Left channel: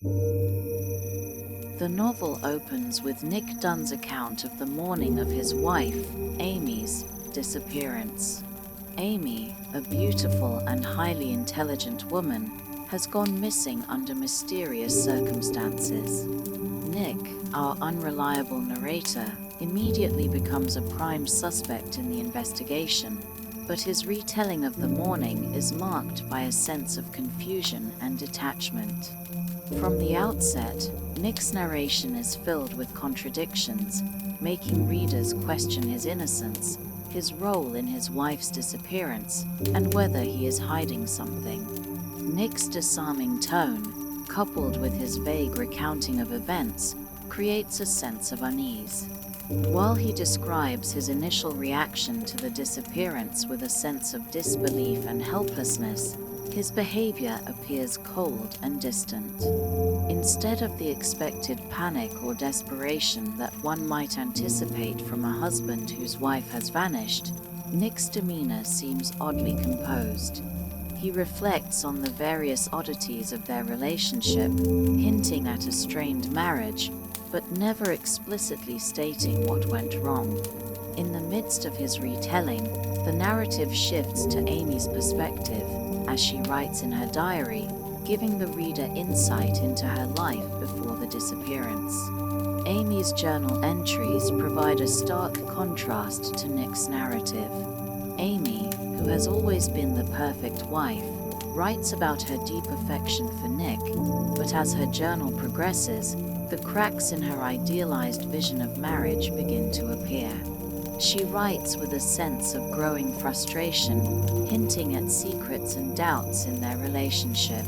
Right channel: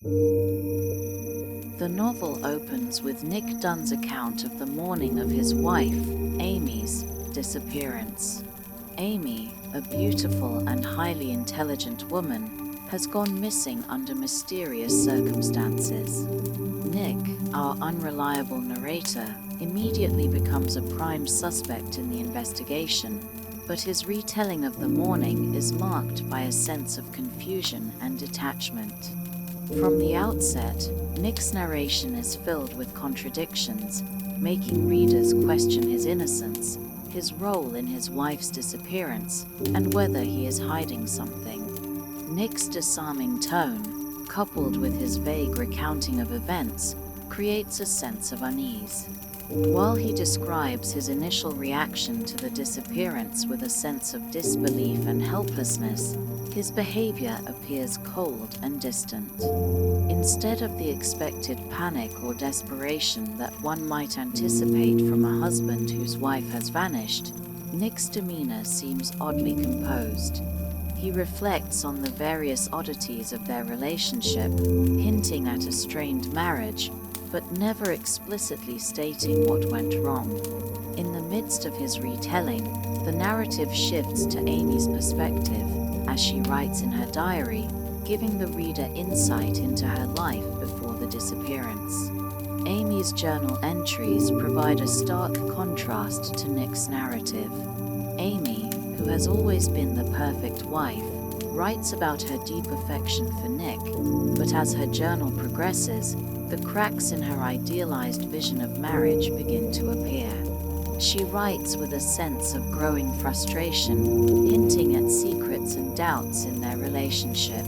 The novel opens with Nick Dunne's account of the morning of his wife, Amy's, disappearance. Amy, a beautiful and highly intelligent woman, has gone missing under mysterious circumstances. Nick, our unreliable narrator, immediately becomes a prime suspect in the investigation, but his retelling of the morning is marked by a sense of confusion and detachment. From the outset, Nick's narration is filled with contradictions, making readers question his innocence, his role in his wife's disappearance, and whether he is hiding something. Nick's disarming tone, coupled with his vague recounting of events, creates a sense of unease. While he describes his initial reaction to the disappearance with a sense of disbelief and helplessness, his behavior appears cold and distant. Instead of the expected panic or desperation that one might anticipate from a husband whose wife has vanished, Nick's demeanor seems oddly composed. He reflects on the various oddities of their relationship, hinting at a strained marriage, but never explicitly stating what went wrong. In the midst of his retelling, the narrative shifts to Amy's perspective, as she writes in her diary, giving the reader insight into her life before the disappearance. Amy's journal entries provide a stark contrast to Nick's narrative. Amy, who has always been the perfect wife, writes about her deep affection for Nick, but as her journal progresses, the cracks in her idealized vision of marriage begin to appear. She writes with a sense of growing frustration, hinting at secrets and doubts in their relationship.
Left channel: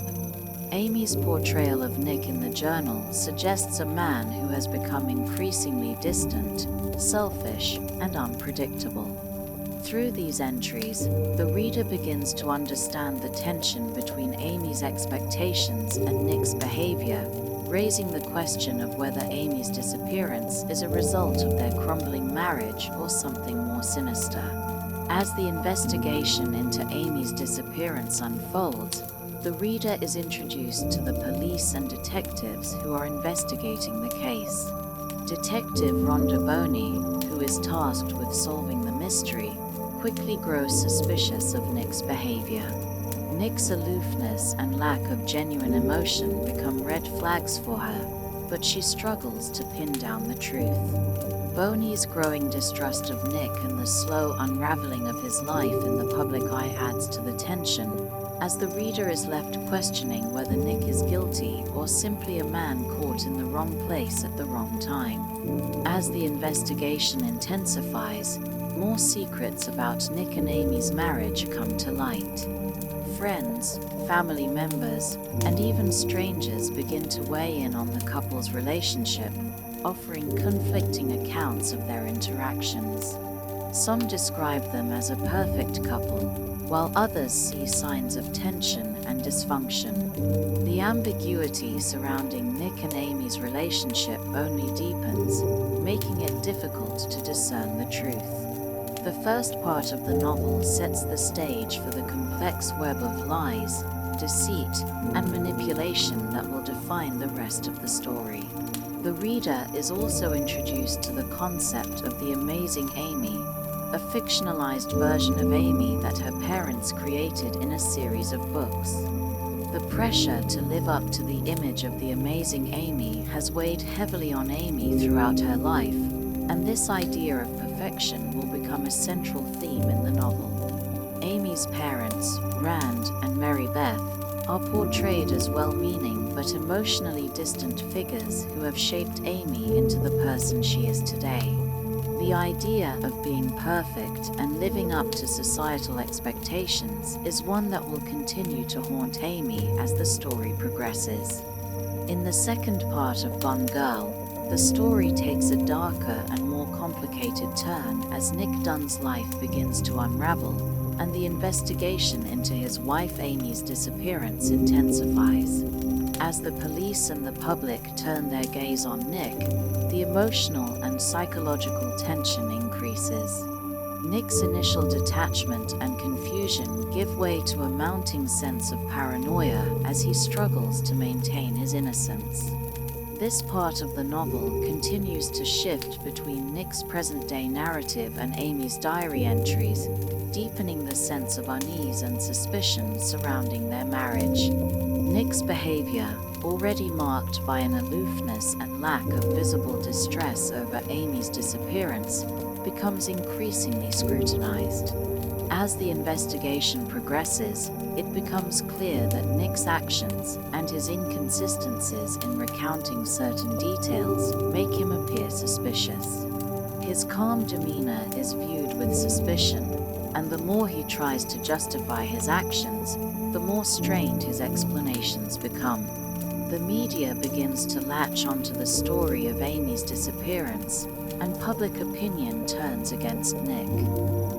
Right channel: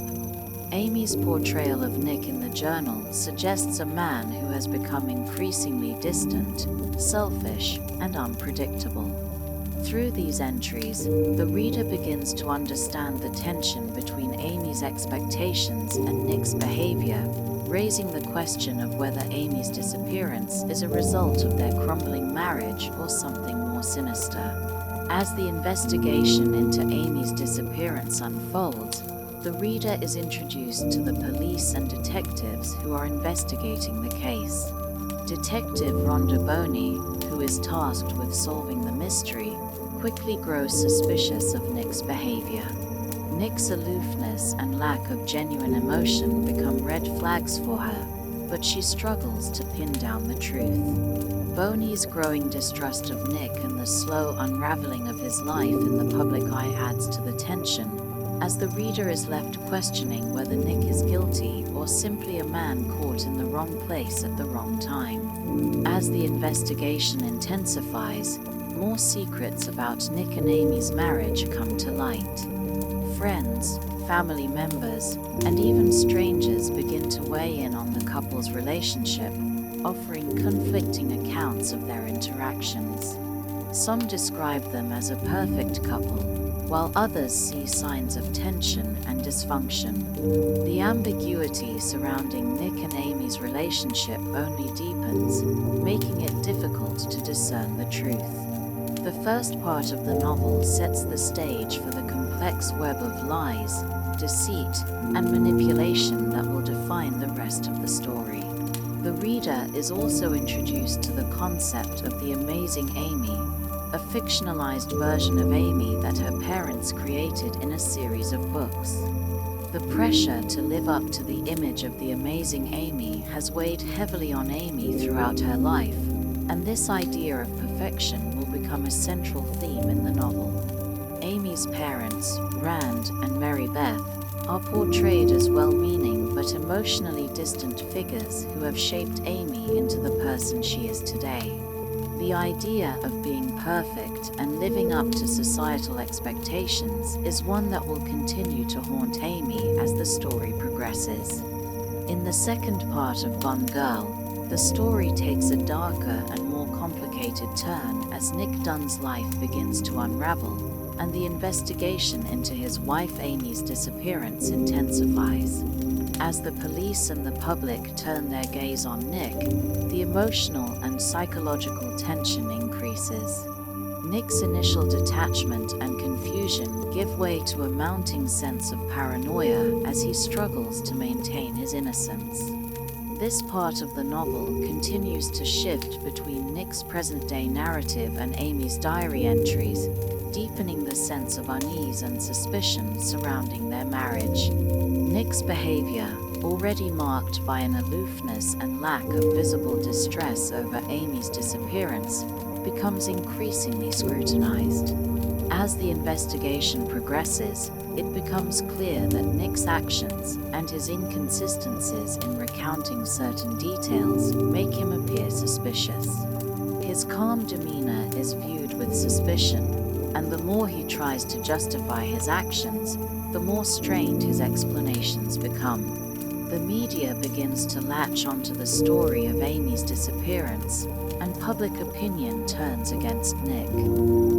Amy's portrayal of Nick in the journal suggests a man who has become increasingly distant, selfish, and unpredictable. Through these entries, the reader begins to understand the tension between Amy's expectations and Nick's behavior, raising the question of whether Amy's disappearance is a result of their crumbling marriage or something more sinister. As the investigation into Amy's disappearance unfolds, the reader is introduced to the police and detectives who are investigating the case. Detective Rhonda Boney, who is tasked with solving the mystery, quickly grows suspicious of Nick's behavior. Nick's aloofness and lack of genuine emotion become red flags for her, but she struggles to pin down the truth. Boney's growing distrust of Nick and the slow unraveling of his life in the public eye adds to the tension, as the reader is left questioning whether Nick is guilty or simply a man caught in the wrong place at the wrong time. As the investigation intensifies, more secrets about Nick and Amy's marriage come to light. Friends, family members, and even strangers begin to weigh in on the couple's relationship, offering conflicting accounts of their interactions. Some describe them as a perfect couple, while others see signs of tension and dysfunction. The ambiguity surrounding Nick and Amy's relationship only deepens, making it difficult to discern the truth. The first part of the novel sets the stage for the complex web of lies, deceit, and manipulation that will define the rest of the story. The reader is also introduced to the concept of the amazing Amy, a fictionalized version of Amy that her parents created in a series of books. The pressure to live up to the image of the amazing Amy has weighed heavily on Amy throughout her life, and this idea of perfection will become a central theme in the novel. Amy's parents, Rand and Mary Beth, are portrayed as well-meaning but emotionally distant figures who have shaped Amy into the person she is today. The idea of being perfect and living up to societal expectations is one that will continue to haunt Amy as the story progresses. In the second part of Gone Girl, the story takes a darker and more complicated turn as Nick Dunne's life begins to unravel, and the investigation into his wife Amy's disappearance intensifies. As the police and the public turn their gaze on Nick, the emotional and psychological tension increases. Nick's initial detachment and confusion give way to a mounting sense of paranoia as he struggles to maintain his innocence. This part of the novel continues to shift between Nick's present-day narrative and Amy's diary entries, deepening the sense of unease and suspicion surrounding their marriage. Nick's behavior, already marked by an aloofness and lack of visible distress over Amy's disappearance, becomes increasingly scrutinized. As the investigation progresses, it becomes clear that Nick's actions and his inconsistencies in recounting certain details make him appear suspicious. His calm demeanor is viewed with suspicion, and the more he tries to justify his actions, the more strained his explanations become. The media begins to latch onto the story of Amy's disappearance, and public opinion turns against Nick.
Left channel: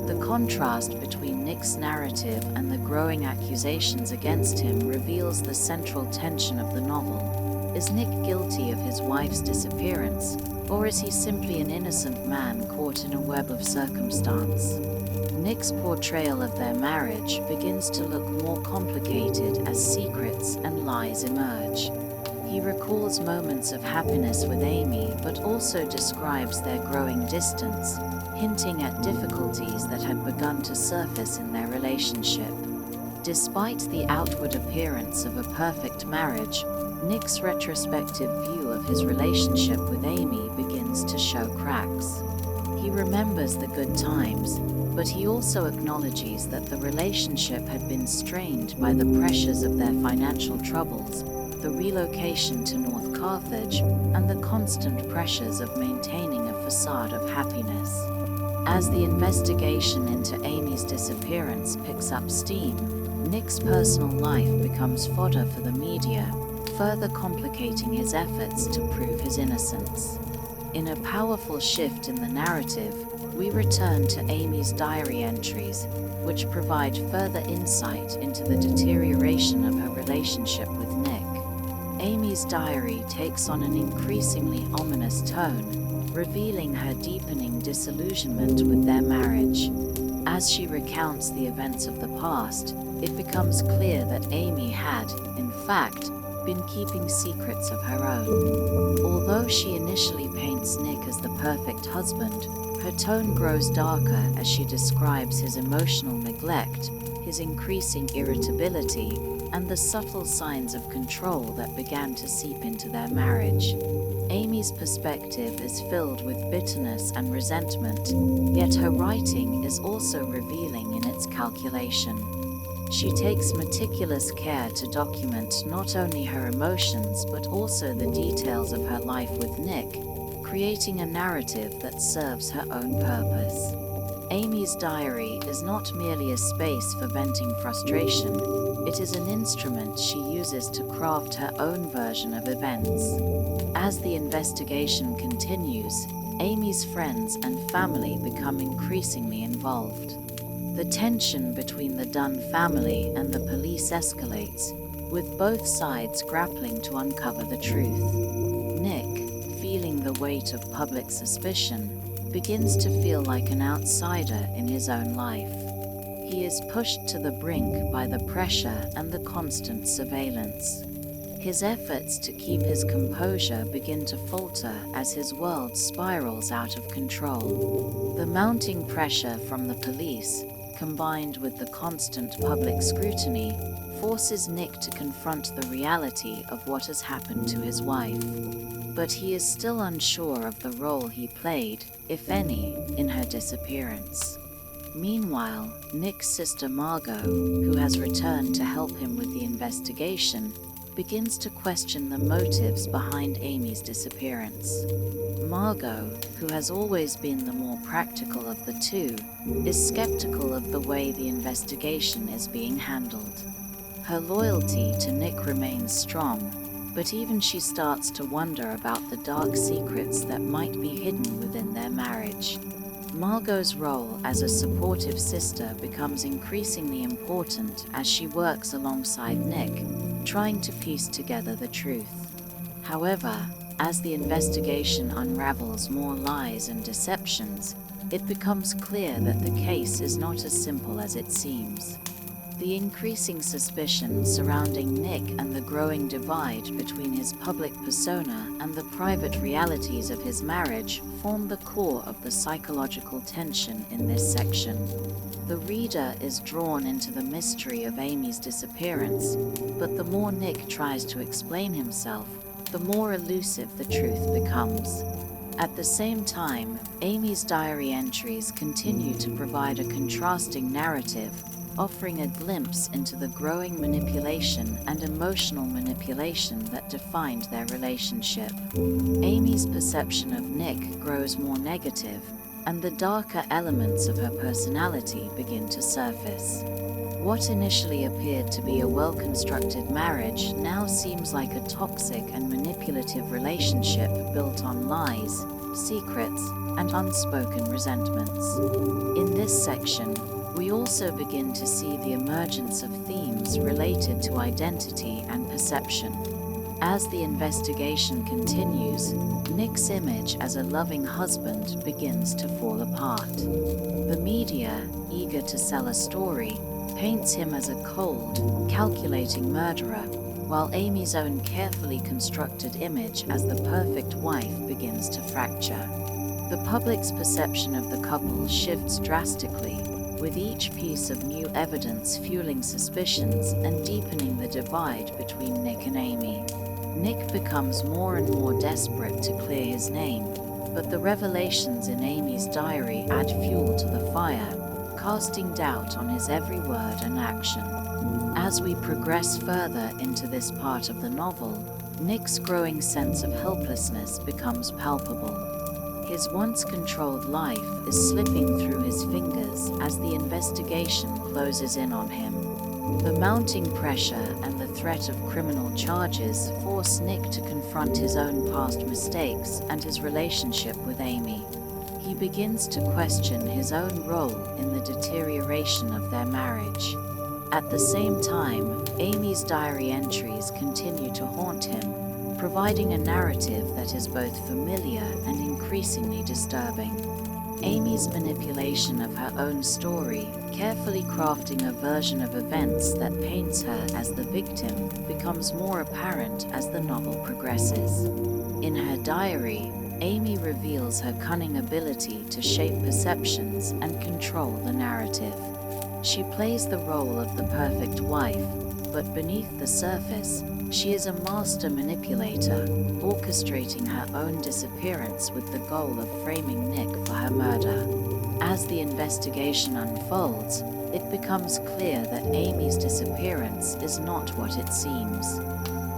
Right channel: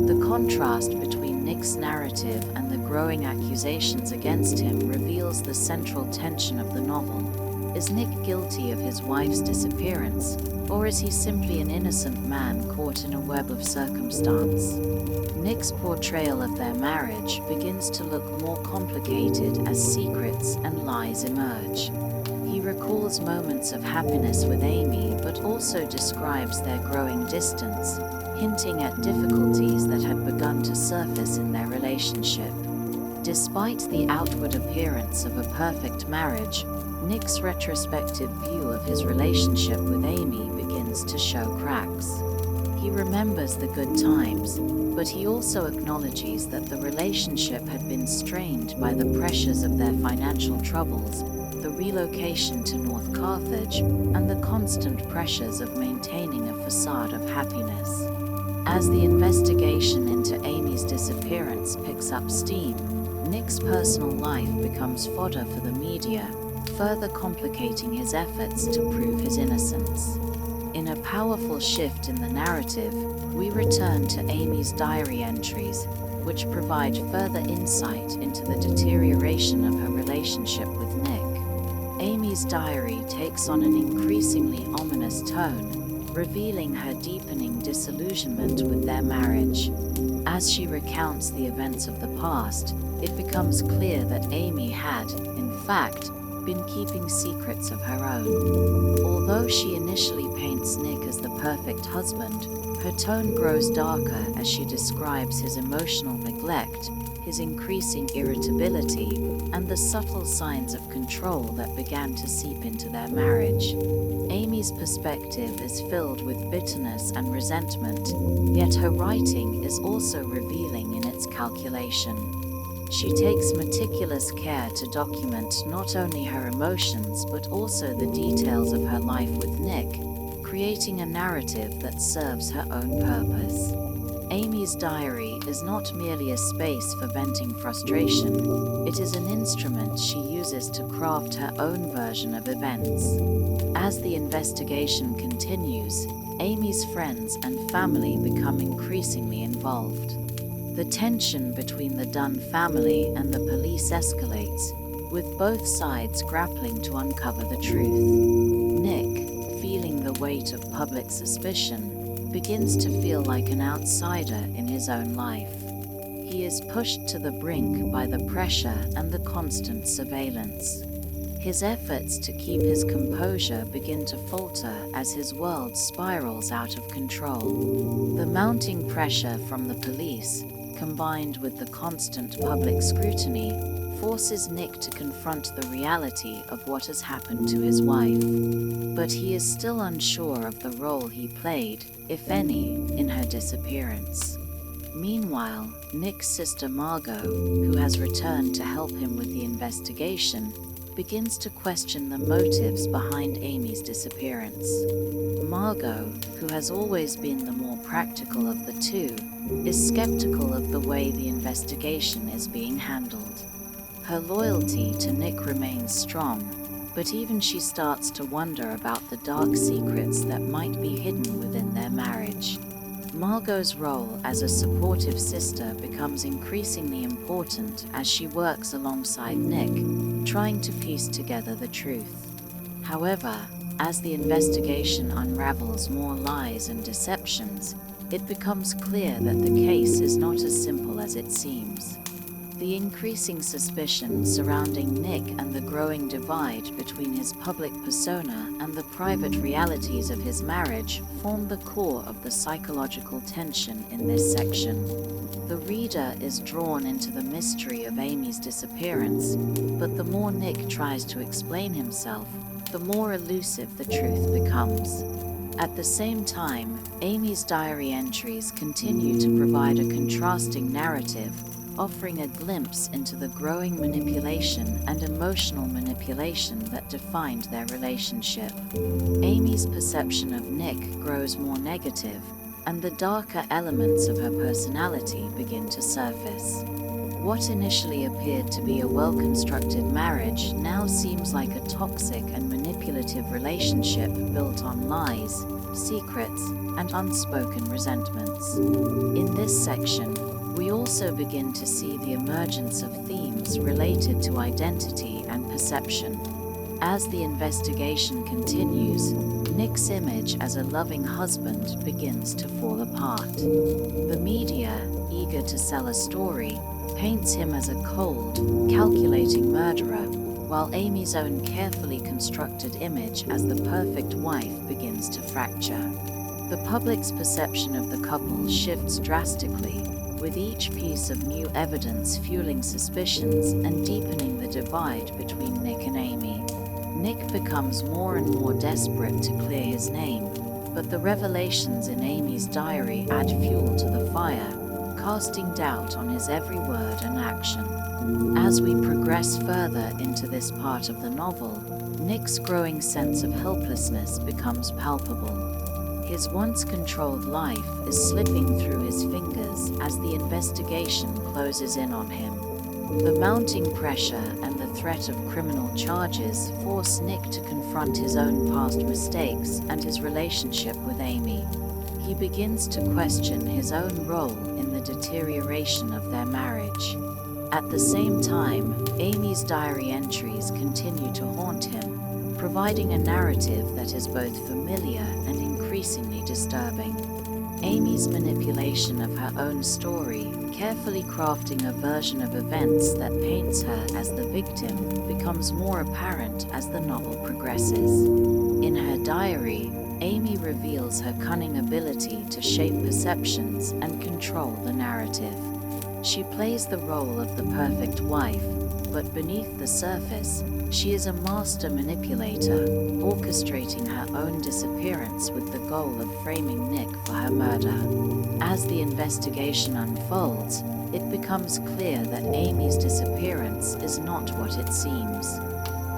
The contrast between Nick's narrative and the growing accusations against him reveals the central tension of the novel. Is Nick guilty of his wife's disappearance, or is he simply an innocent man caught in a web of circumstance? Nick's portrayal of their marriage begins to look more complicated as secrets and lies emerge. He recalls moments of happiness with Amy, but also describes their growing distance, hinting at difficulties that had begun to surface in their relationship. Despite the outward appearance of a perfect marriage, Nick's retrospective view of his relationship with Amy begins to show cracks. He remembers the good times, but he also acknowledges that the relationship had been strained by the pressures of their financial troubles, the relocation to North Carthage, and the constant pressures of maintaining a facade of happiness. As the investigation into Amy's disappearance picks up steam, Nick's personal life becomes fodder for the media, further complicating his efforts to prove his innocence. In a powerful shift in the narrative, we return to Amy's diary entries, which provide further insight into the deterioration of her relationship with Nick. Amy's diary takes on an increasingly ominous tone, revealing her deepening disillusionment with their marriage. As she recounts the events of the past, it becomes clear that Amy had, in fact, been keeping secrets of her own. Although she initially paints Nick as the perfect husband, her tone grows darker as she describes his emotional neglect, his increasing irritability, and the subtle signs of control that began to seep into their marriage. Amy's perspective is filled with bitterness and resentment, yet her writing is also revealing in its calculation. She takes meticulous care to document not only her emotions but also the details of her life with Nick, creating a narrative that serves her own purpose. Amy's diary is not merely a space for venting frustration, it is an instrument she uses to craft her own version of events. As the investigation continues, Amy's friends and family become increasingly involved. The tension between the Dunne family and the police escalates, with both sides grappling to uncover the truth. Nick, feeling the weight of public suspicion, begins to feel like an outsider in his own life. He is pushed to the brink by the pressure and the constant surveillance. His efforts to keep his composure begin to falter as his world spirals out of control. The mounting pressure from the police, combined with the constant public scrutiny, forces Nick to confront the reality of what has happened to his wife. But he is still unsure of the role he played, if any, in her disappearance. Meanwhile, Nick's sister Margot, who has returned to help him with the investigation, begins to question the motives behind Amy's disappearance. Margot, who has always been the more practical of the two, is skeptical of the way the investigation is being handled. Her loyalty to Nick remains strong, but even she starts to wonder about the dark secrets that might be hidden within their marriage. Margot's role as a supportive sister becomes increasingly important as she works alongside Nick, trying to piece together the truth. However, as the investigation unravels more lies and deceptions, it becomes clear that the case is not as simple as it seems. The increasing suspicion surrounding Nick and the growing divide between his public persona and the private realities of his marriage form the core of the psychological tension in this section. The reader is drawn into the mystery of Amy's disappearance, but the more Nick tries to explain himself, the more elusive the truth becomes. At the same time, Amy's diary entries continue to provide a contrasting narrative, offering a glimpse into the growing manipulation and emotional manipulation that defined their relationship. Amy's perception of Nick grows more negative, and the darker elements of her personality begin to surface. What initially appeared to be a well-constructed marriage now seems like a toxic and manipulative relationship built on lies, secrets, and unspoken resentments. In this section, we also begin to see the emergence of themes related to identity and perception. As the investigation continues, Nick's image as a loving husband begins to fall apart. The media, eager to sell a story, paints him as a cold, calculating murderer, while Amy's own carefully constructed image as the perfect wife begins to fracture. The public's perception of the couple shifts drastically, with each piece of new evidence fueling suspicions and deepening the divide between Nick and Amy. Nick becomes more and more desperate to clear his name, but the revelations in Amy's diary add fuel to the fire, casting doubt on his every word and action. As we progress further into this part of the novel, Nick's growing sense of helplessness becomes palpable. His once controlled life is slipping through his fingers as the investigation closes in on him. The mounting pressure and the threat of criminal charges force Nick to confront his own past mistakes and his relationship with Amy. He begins to question his own role in the deterioration of their marriage. At the same time, Amy's diary entries continue to haunt him, providing a narrative that is both familiar and increasingly disturbing. Amy's manipulation of her own story, carefully crafting a version of events that paints her as the victim, becomes more apparent as the novel progresses. In her diary, Amy reveals her cunning ability to shape perceptions and control the narrative. She plays the role of the perfect wife, but beneath the surface, she is a master manipulator, orchestrating her own disappearance with the goal of framing Nick for her murder. As the investigation unfolds, it becomes clear that Amy's disappearance is not what it seems.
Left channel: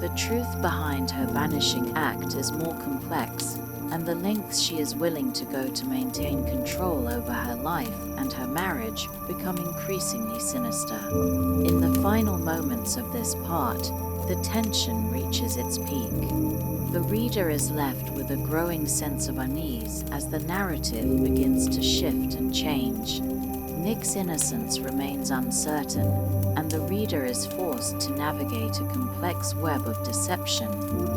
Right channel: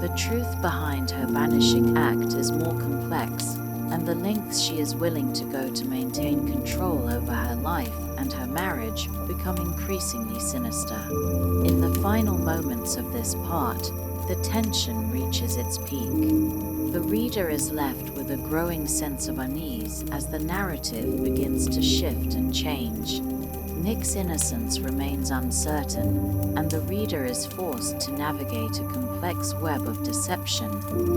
The truth behind her vanishing act is more complex, and the lengths she is willing to go to maintain control over her life and her marriage become increasingly sinister. In the final moments of this part, the tension reaches its peak. The reader is left with a growing sense of unease as the narrative begins to shift and change. Nick's innocence remains uncertain, and the reader is forced to navigate a complex web of deception,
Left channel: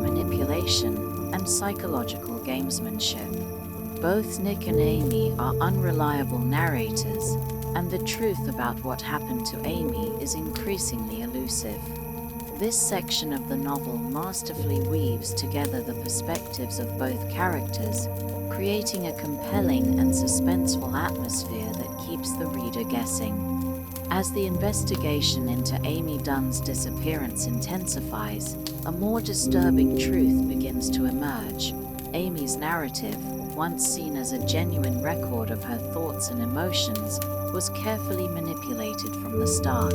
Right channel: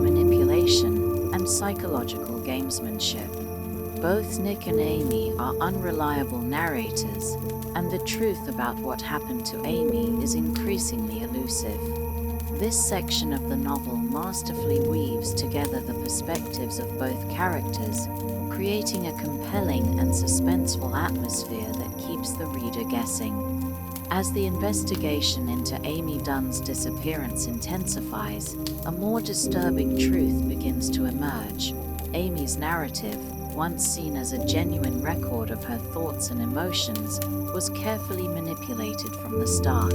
manipulation, and psychological gamesmanship. Both Nick and Amy are unreliable narrators, and the truth about what happened to Amy is increasingly elusive. This section of the novel masterfully weaves together the perspectives of both characters, creating a compelling and suspenseful atmosphere that keeps the reader guessing. As the investigation into Amy Dunne's disappearance intensifies, a more disturbing truth begins to emerge. Amy's narrative, once seen as a genuine record of her thoughts and emotions, was carefully manipulated from the start.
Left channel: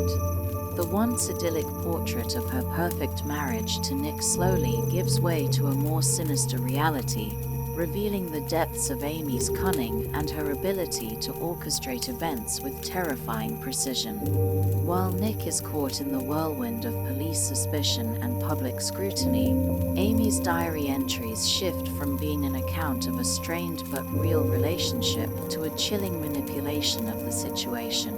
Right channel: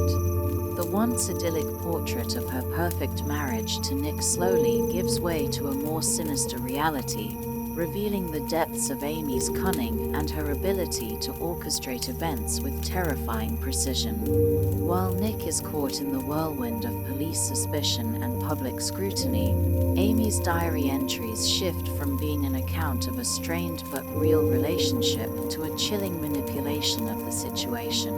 The once idyllic portrait of her perfect marriage to Nick slowly gives way to a more sinister reality, revealing the depths of Amy's cunning and her ability to orchestrate events with terrifying precision. While Nick is caught in the whirlwind of police suspicion and public scrutiny, Amy's diary entries shift from being an account of a strained but real relationship to a chilling manipulation of the situation.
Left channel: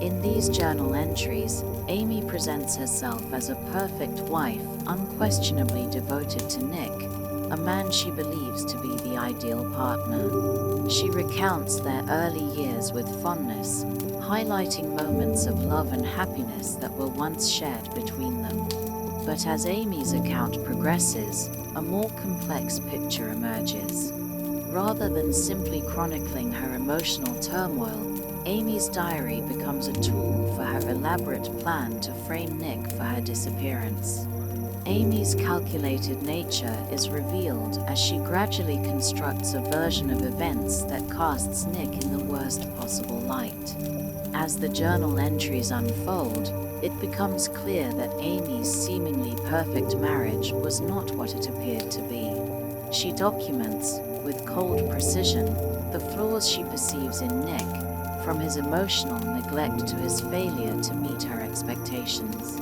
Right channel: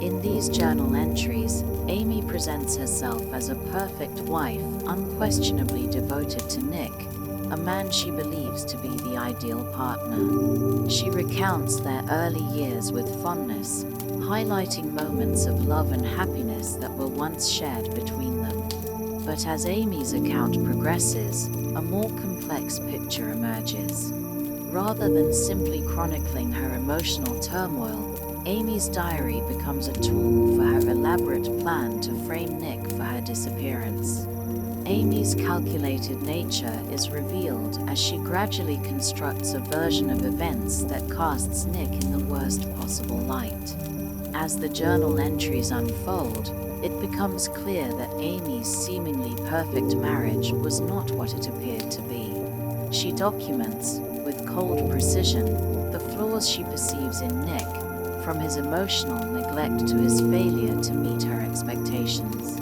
In these journal entries, Amy presents herself as a perfect wife, unquestionably devoted to Nick, a man she believes to be the ideal partner. She recounts their early years with fondness, highlighting moments of love and happiness that were once shared between them. But as Amy's account progresses, a more complex picture emerges. Rather than simply chronicling her emotional turmoil, Amy's diary becomes a tool for her elaborate plan to frame Nick for her disappearance. Amy's calculated nature is revealed as she gradually constructs a version of events that casts Nick in the worst possible light. As the journal entries unfold, it becomes clear that Amy's seemingly perfect marriage was not what it appeared to be. She documents, with cold precision, the flaws she perceives in Nick, from his emotional neglect to his failure to meet her expectations.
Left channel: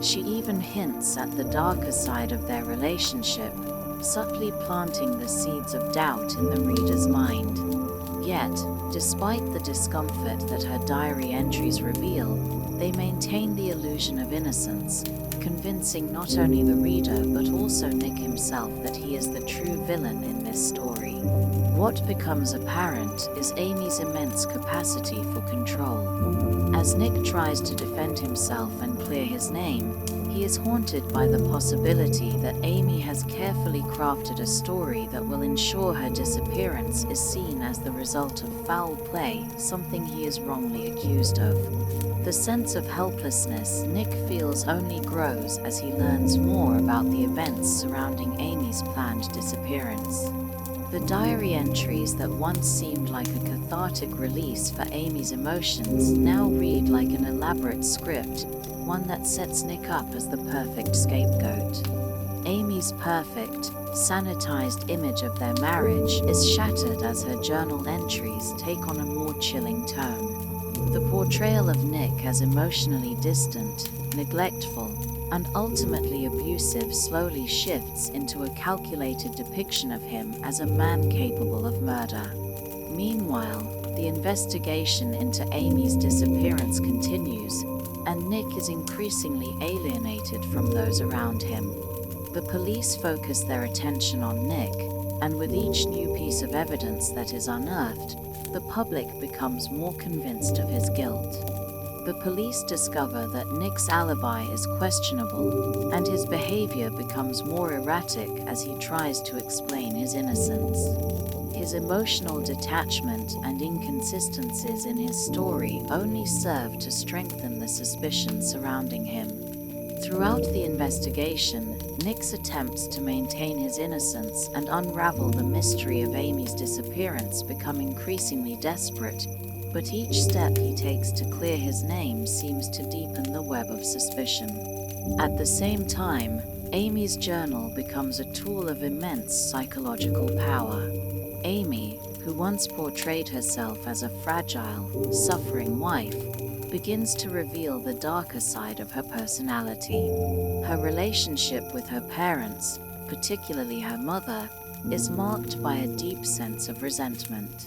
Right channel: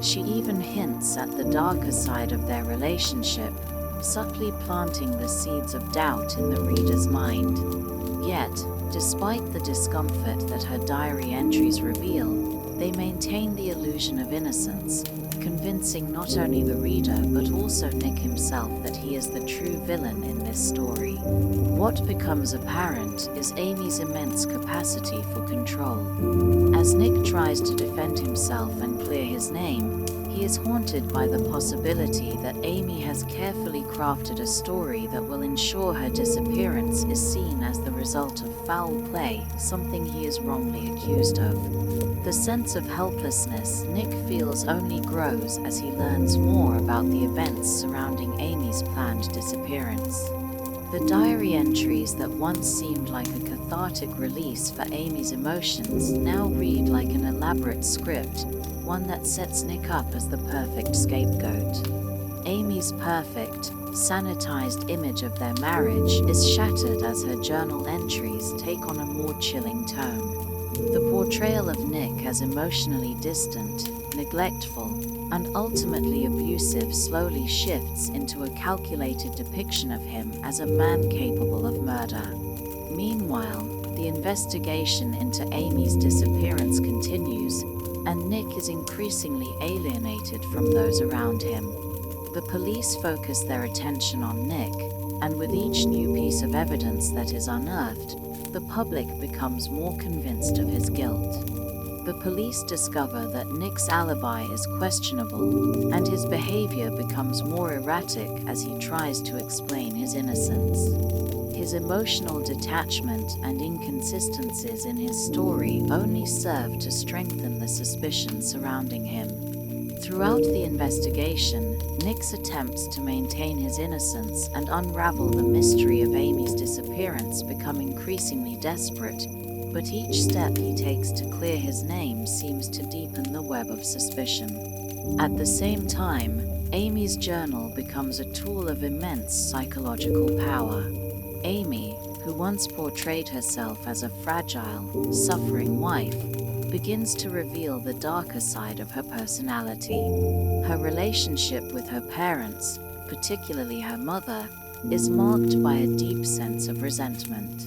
She even hints at the darker side of their relationship, subtly planting the seeds of doubt in the reader's mind. Yet, despite the discomfort that her diary entries reveal, they maintain the illusion of innocence, convincing not only the reader but also Nick himself that he is the true villain in this story. What becomes apparent is Amy's immense capacity for control. As Nick tries to defend himself and clear his name, he is haunted by the possibility that Amy has carefully crafted a story that will ensure her disappearance is seen as the result of foul play, something he is wrongly accused of. The sense of helplessness Nick feels only grows as he learns more about the events surrounding Amy's planned disappearance. The diary entries that once seemed like a cathartic release for Amy's emotions now read like an elaborate script, one that sets Nick up as the perfect scapegoat. Amy's perfect, sanitized image of their marriage is shattered as her journal entries take on a more chilling tone. The portrayal of Nick as emotionally distant, neglectful, and ultimately abusive slowly shifts into a calculated depiction of him as a man capable of murder. Meanwhile, the investigation into Amy's disappearance continues, and Nick is increasingly alienated from those around him. The police focus their attention on Nick, and with each new piece of evidence that is unearthed, the public becomes more convinced of his guilt. The police discover that Nick's alibi is questionable, and his behavior becomes more erratic as he tries to explain his innocence. His emotional detachment and inconsistencies in his story only serve to strengthen the suspicion surrounding him. Throughout the investigation, Nick's attempts to maintain his innocence and unravel the mystery of Amy's disappearance become increasingly desperate, but each step he takes to clear his name seems to deepen the web of suspicion. At the same time, Amy's journal becomes a tool of immense psychological power. Amy, who once portrayed herself as a fragile, suffering wife, begins to reveal the darker side of her personality. Her relationship with her parents, particularly her mother, is marked by a deep sense of resentment.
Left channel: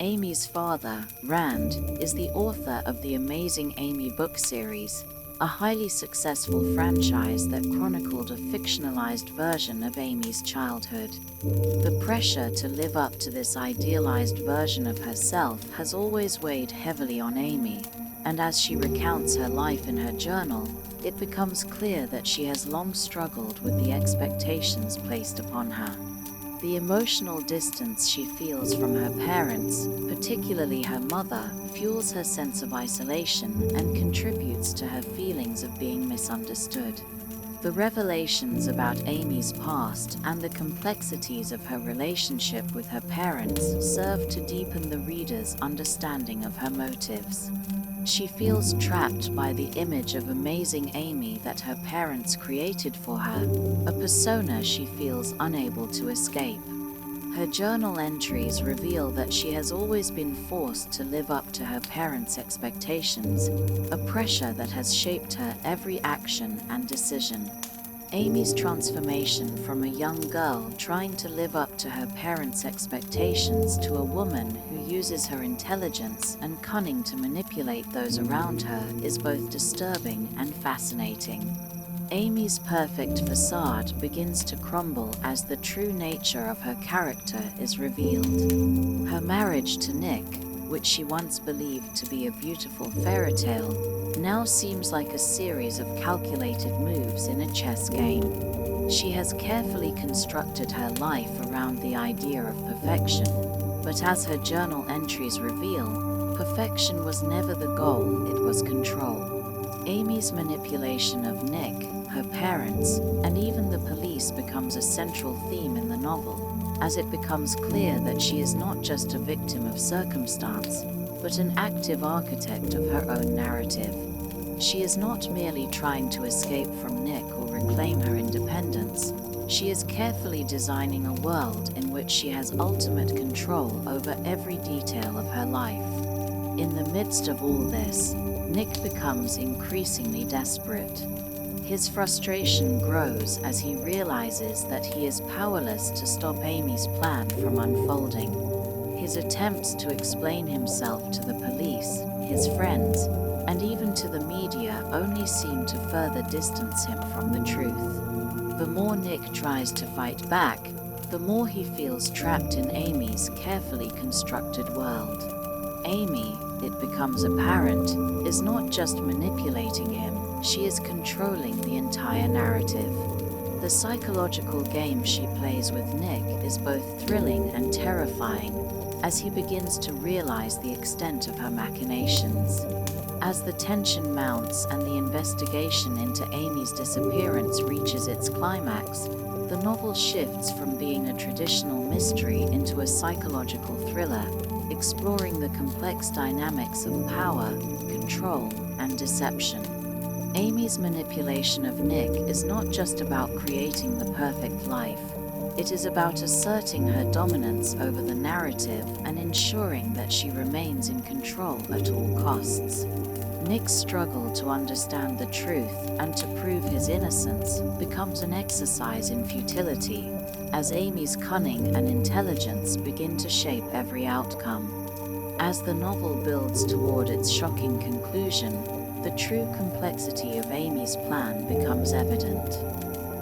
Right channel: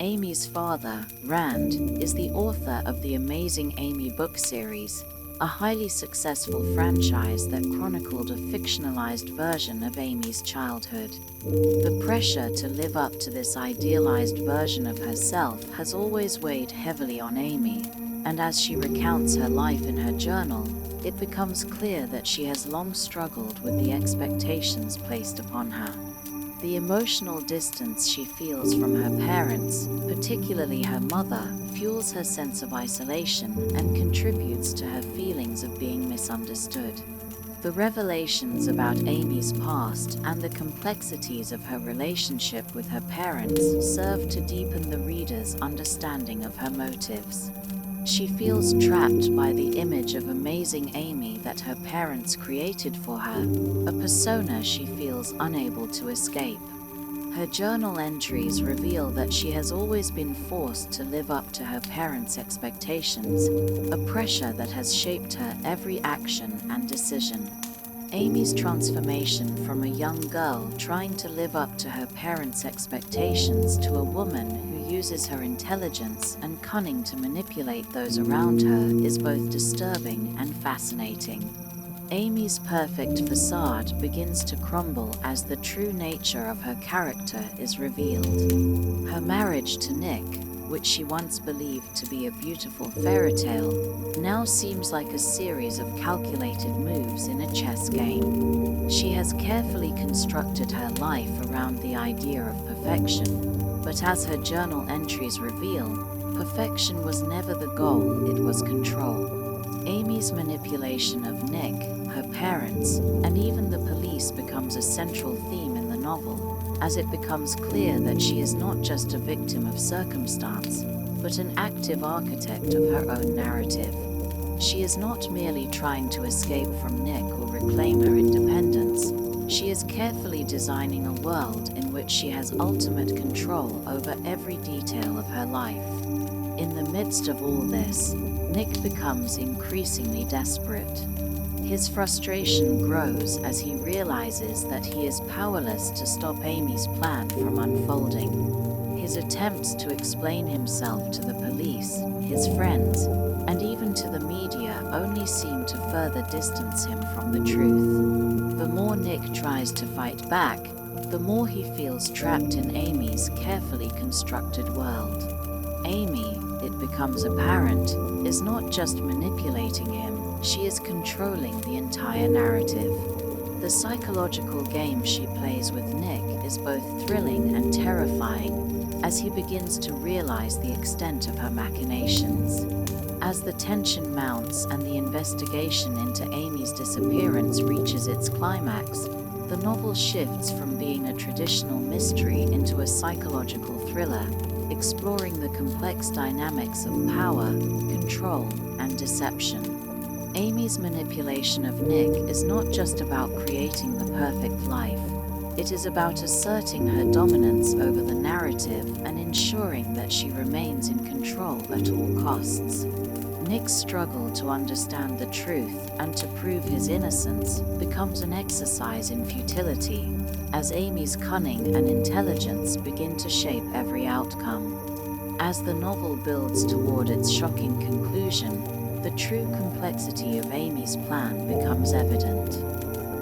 Amy's father, Rand, is the author of the Amazing Amy book series, a highly successful franchise that chronicled a fictionalized version of Amy's childhood. The pressure to live up to this idealized version of herself has always weighed heavily on Amy, and as she recounts her life in her journal, it becomes clear that she has long struggled with the expectations placed upon her. The emotional distance she feels from her parents, particularly her mother, fuels her sense of isolation and contributes to her feelings of being misunderstood. The revelations about Amy's past and the complexities of her relationship with her parents serve to deepen the reader's understanding of her motives. She feels trapped by the image of amazing Amy that her parents created for her, a persona she feels unable to escape. Her journal entries reveal that she has always been forced to live up to her parents' expectations, a pressure that has shaped her every action and decision. Amy's transformation from a young girl trying to live up to her parents' expectations to a woman who uses her intelligence and cunning to manipulate those around her is both disturbing and fascinating. Amy's perfect facade begins to crumble as the true nature of her character is revealed. Her marriage to Nick, which she once believed to be a beautiful fairy tale, now seems like a series of calculated moves in a chess game. She has carefully constructed her life around the idea of perfection, but as her journal entries reveal, perfection was never the goal, it was control. Amy's manipulation of Nick, her parents, and even the police becomes a central theme in the novel, as it becomes clear that she is not just a victim of circumstance, but an active architect of her own narrative. She is not merely trying to escape from Nick or reclaim her independence. She is carefully designing a world in which she has ultimate control over every detail of her life. In the midst of all this, Nick becomes increasingly desperate. His frustration grows as he realizes that he is powerless to stop Amy's plan from unfolding. His attempts to explain himself to the police, his friends, and even to the media only seem to further distance him from the truth. The more Nick tries to fight back, the more he feels trapped in Amy's carefully constructed world. Amy, it becomes apparent, is not just manipulating him, she is controlling the entire narrative. The psychological game she plays with Nick is both thrilling and terrifying as he begins to realize the extent of her machinations. As the tension mounts and the investigation into Amy's disappearance reaches its climax, the novel shifts from being a traditional mystery into a psychological thriller, exploring the complex dynamics of power, control, and deception. Amy's manipulation of Nick is not just about creating the perfect life. It is about asserting her dominance over the narrative and ensuring that she remains in control at all costs. Nick's struggle to understand the truth and to prove his innocence becomes an exercise in futility, as Amy's cunning and intelligence begin to shape every outcome. As the novel builds toward its shocking conclusion, the true complexity of Amy's plan becomes evident.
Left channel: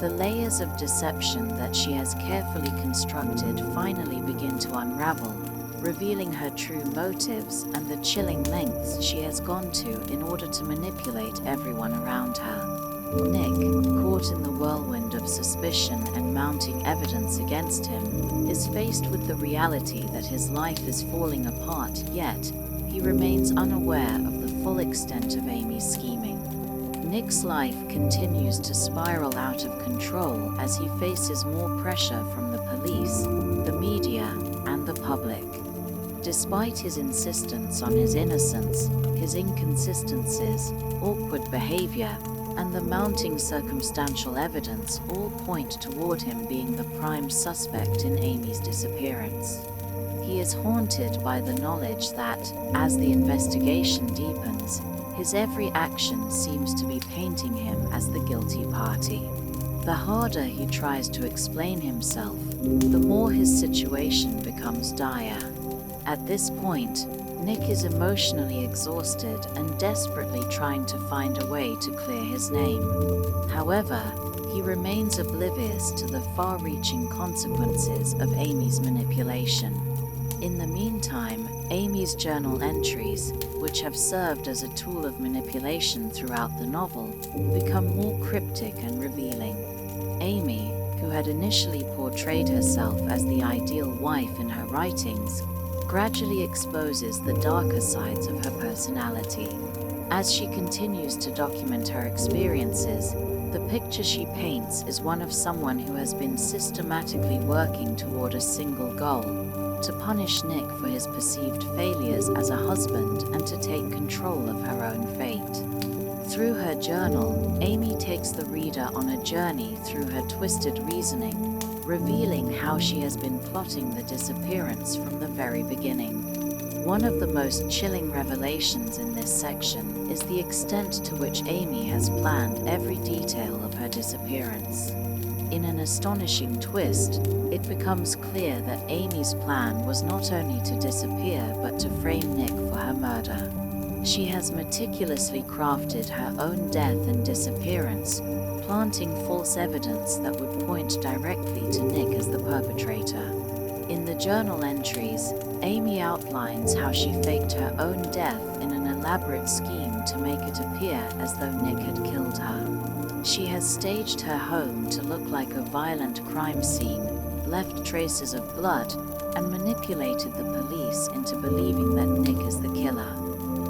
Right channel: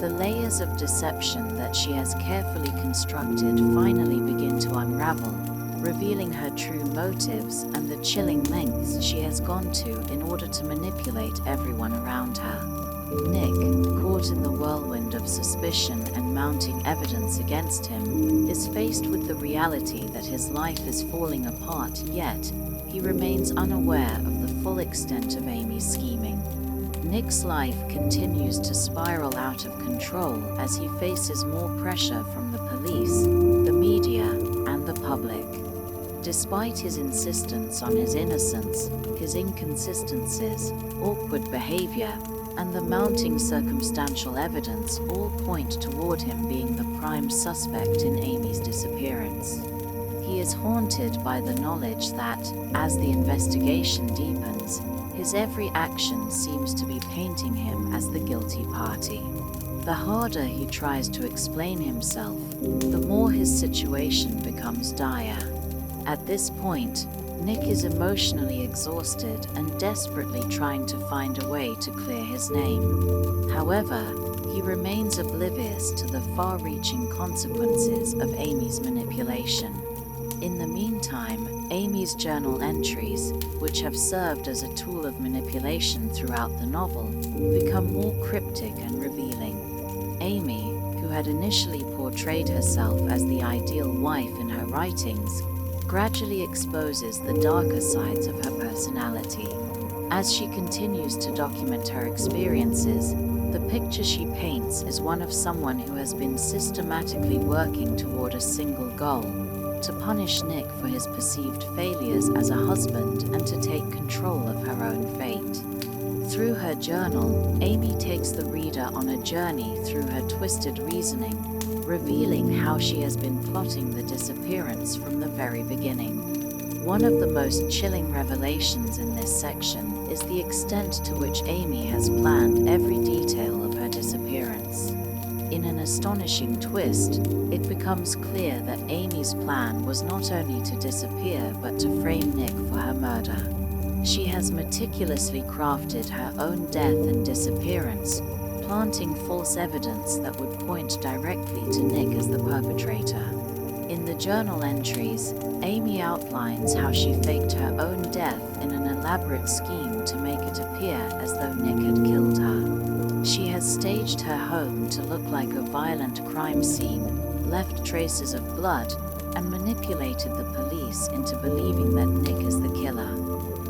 The layers of deception that she has carefully constructed finally begin to unravel, revealing her true motives and the chilling lengths she has gone to in order to manipulate everyone around her. Nick, caught in the whirlwind of suspicion and mounting evidence against him, is faced with the reality that his life is falling apart, yet he remains unaware of the full extent of Amy's scheming. Nick's life continues to spiral out of control as he faces more pressure from the police, the media, and the public. Despite his insistence on his innocence, his inconsistencies, awkward behavior, and the mounting circumstantial evidence all point toward him being the prime suspect in Amy's disappearance. He is haunted by the knowledge that, as the investigation deepens, his every action seems to be painting him as the guilty party. The harder he tries to explain himself, the more his situation becomes dire. At this point, Nick is emotionally exhausted and desperately trying to find a way to clear his name. However, he remains oblivious to the far-reaching consequences of Amy's manipulation. In the meantime, Amy's journal entries, which have served as a tool of manipulation throughout the novel, become more cryptic and revealing. Amy, who had initially portrayed herself as the ideal wife in her writings, gradually exposes the darker sides of her personality. As she continues to document her experiences, the picture she paints is one of someone who has been systematically working toward a single goal: to punish Nick for his perceived failures as a husband and to take control of her own fate. Through her journal, Amy takes the reader on a journey through her twisted reasoning, revealing how she has been plotting the disappearance from the very beginning. One of the most chilling revelations in this section is the extent to which Amy has planned every detail of her disappearance. In an astonishing twist, it becomes clear that Amy's plan was not only to disappear but to frame Nick for her murder. She has meticulously crafted her own death and disappearance, planting false evidence that would point directly to Nick as the perpetrator. In the journal entries, Amy outlines how she faked her own death in an elaborate scheme to make it appear as though Nick had killed her. She has staged her home to look like a violent crime scene, left traces of blood, and manipulated the police into believing that Nick is the killer.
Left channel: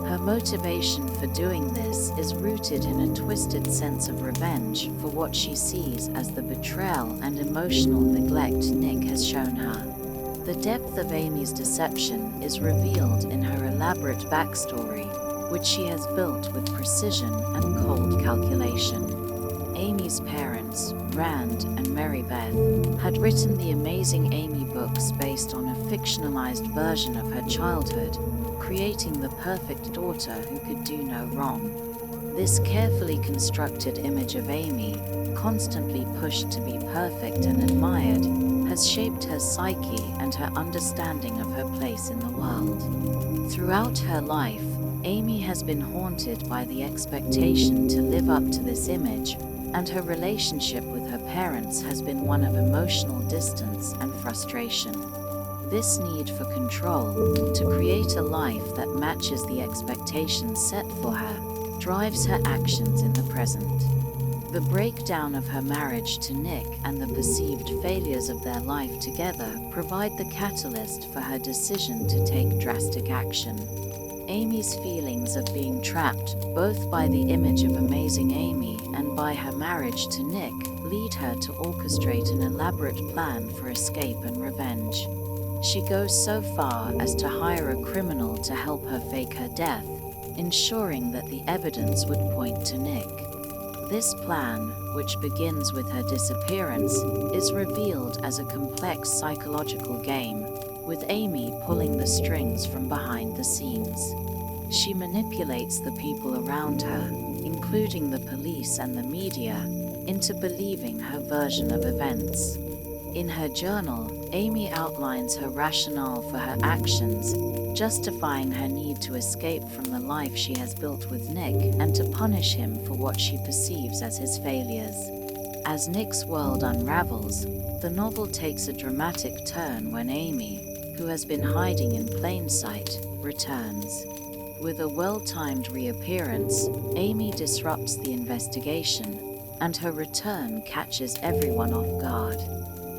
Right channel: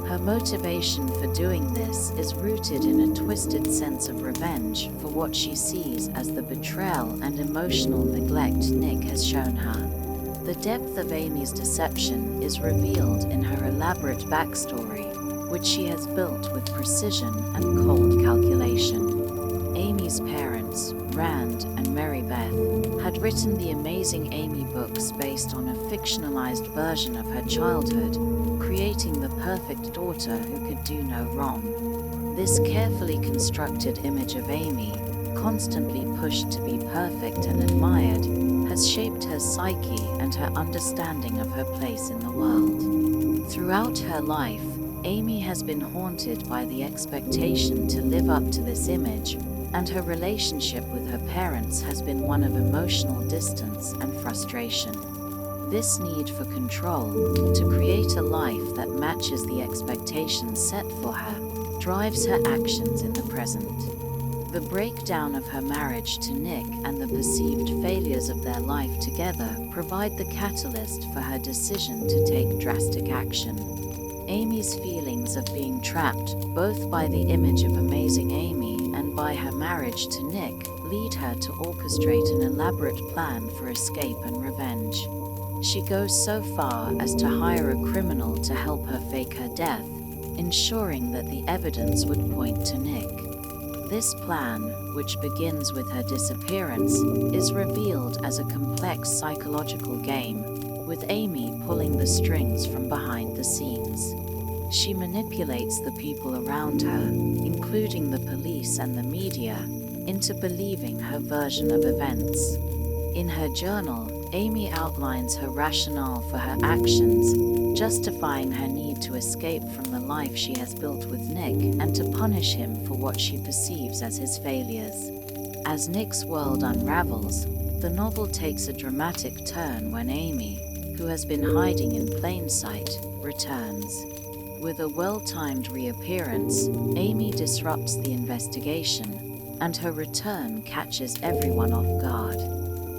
Her motivation for doing this is rooted in a twisted sense of revenge for what she sees as the betrayal and emotional neglect Nick has shown her. The depth of Amy's deception is revealed in her elaborate backstory, which she has built with precision and cold calculation. Amy's parents, Rand and Mary Beth, had written the Amazing Amy books based on a fictionalized version of her childhood, creating the perfect daughter who could do no wrong. This carefully constructed image of Amy, constantly pushed to be perfect and admired, has shaped her psyche and her understanding of her place in the world. Throughout her life, Amy has been haunted by the expectation to live up to this image, and her relationship with her parents has been one of emotional distance and frustration. This need for control, to create a life that matches the expectations set for her, drives her actions in the present. The breakdown of her marriage to Nick and the perceived failures of their life together provide the catalyst for her decision to take drastic action. Amy's feelings of being trapped, both by the image of Amazing Amy and by her marriage to Nick, lead her to orchestrate an elaborate plan for escape and revenge. She goes so far as to hire a criminal to help her fake her death, ensuring that the evidence would point to Nick. This plan, which begins with her disappearance, is revealed as a complex psychological game, with Amy pulling the strings from behind the scenes. She manipulates the people around her, including the police and the media, into believing her version of events. In her journal, Amy outlines her rationale for her actions, justifying her need to escape from the life she has built with Nick and to punish him for what she perceives as his failures. As Nick's world unravels, the novel takes a dramatic turn when Amy, who has been hiding in plain sight, returns. With a well-timed reappearance, Amy disrupts the investigation, and her return catches everyone off guard.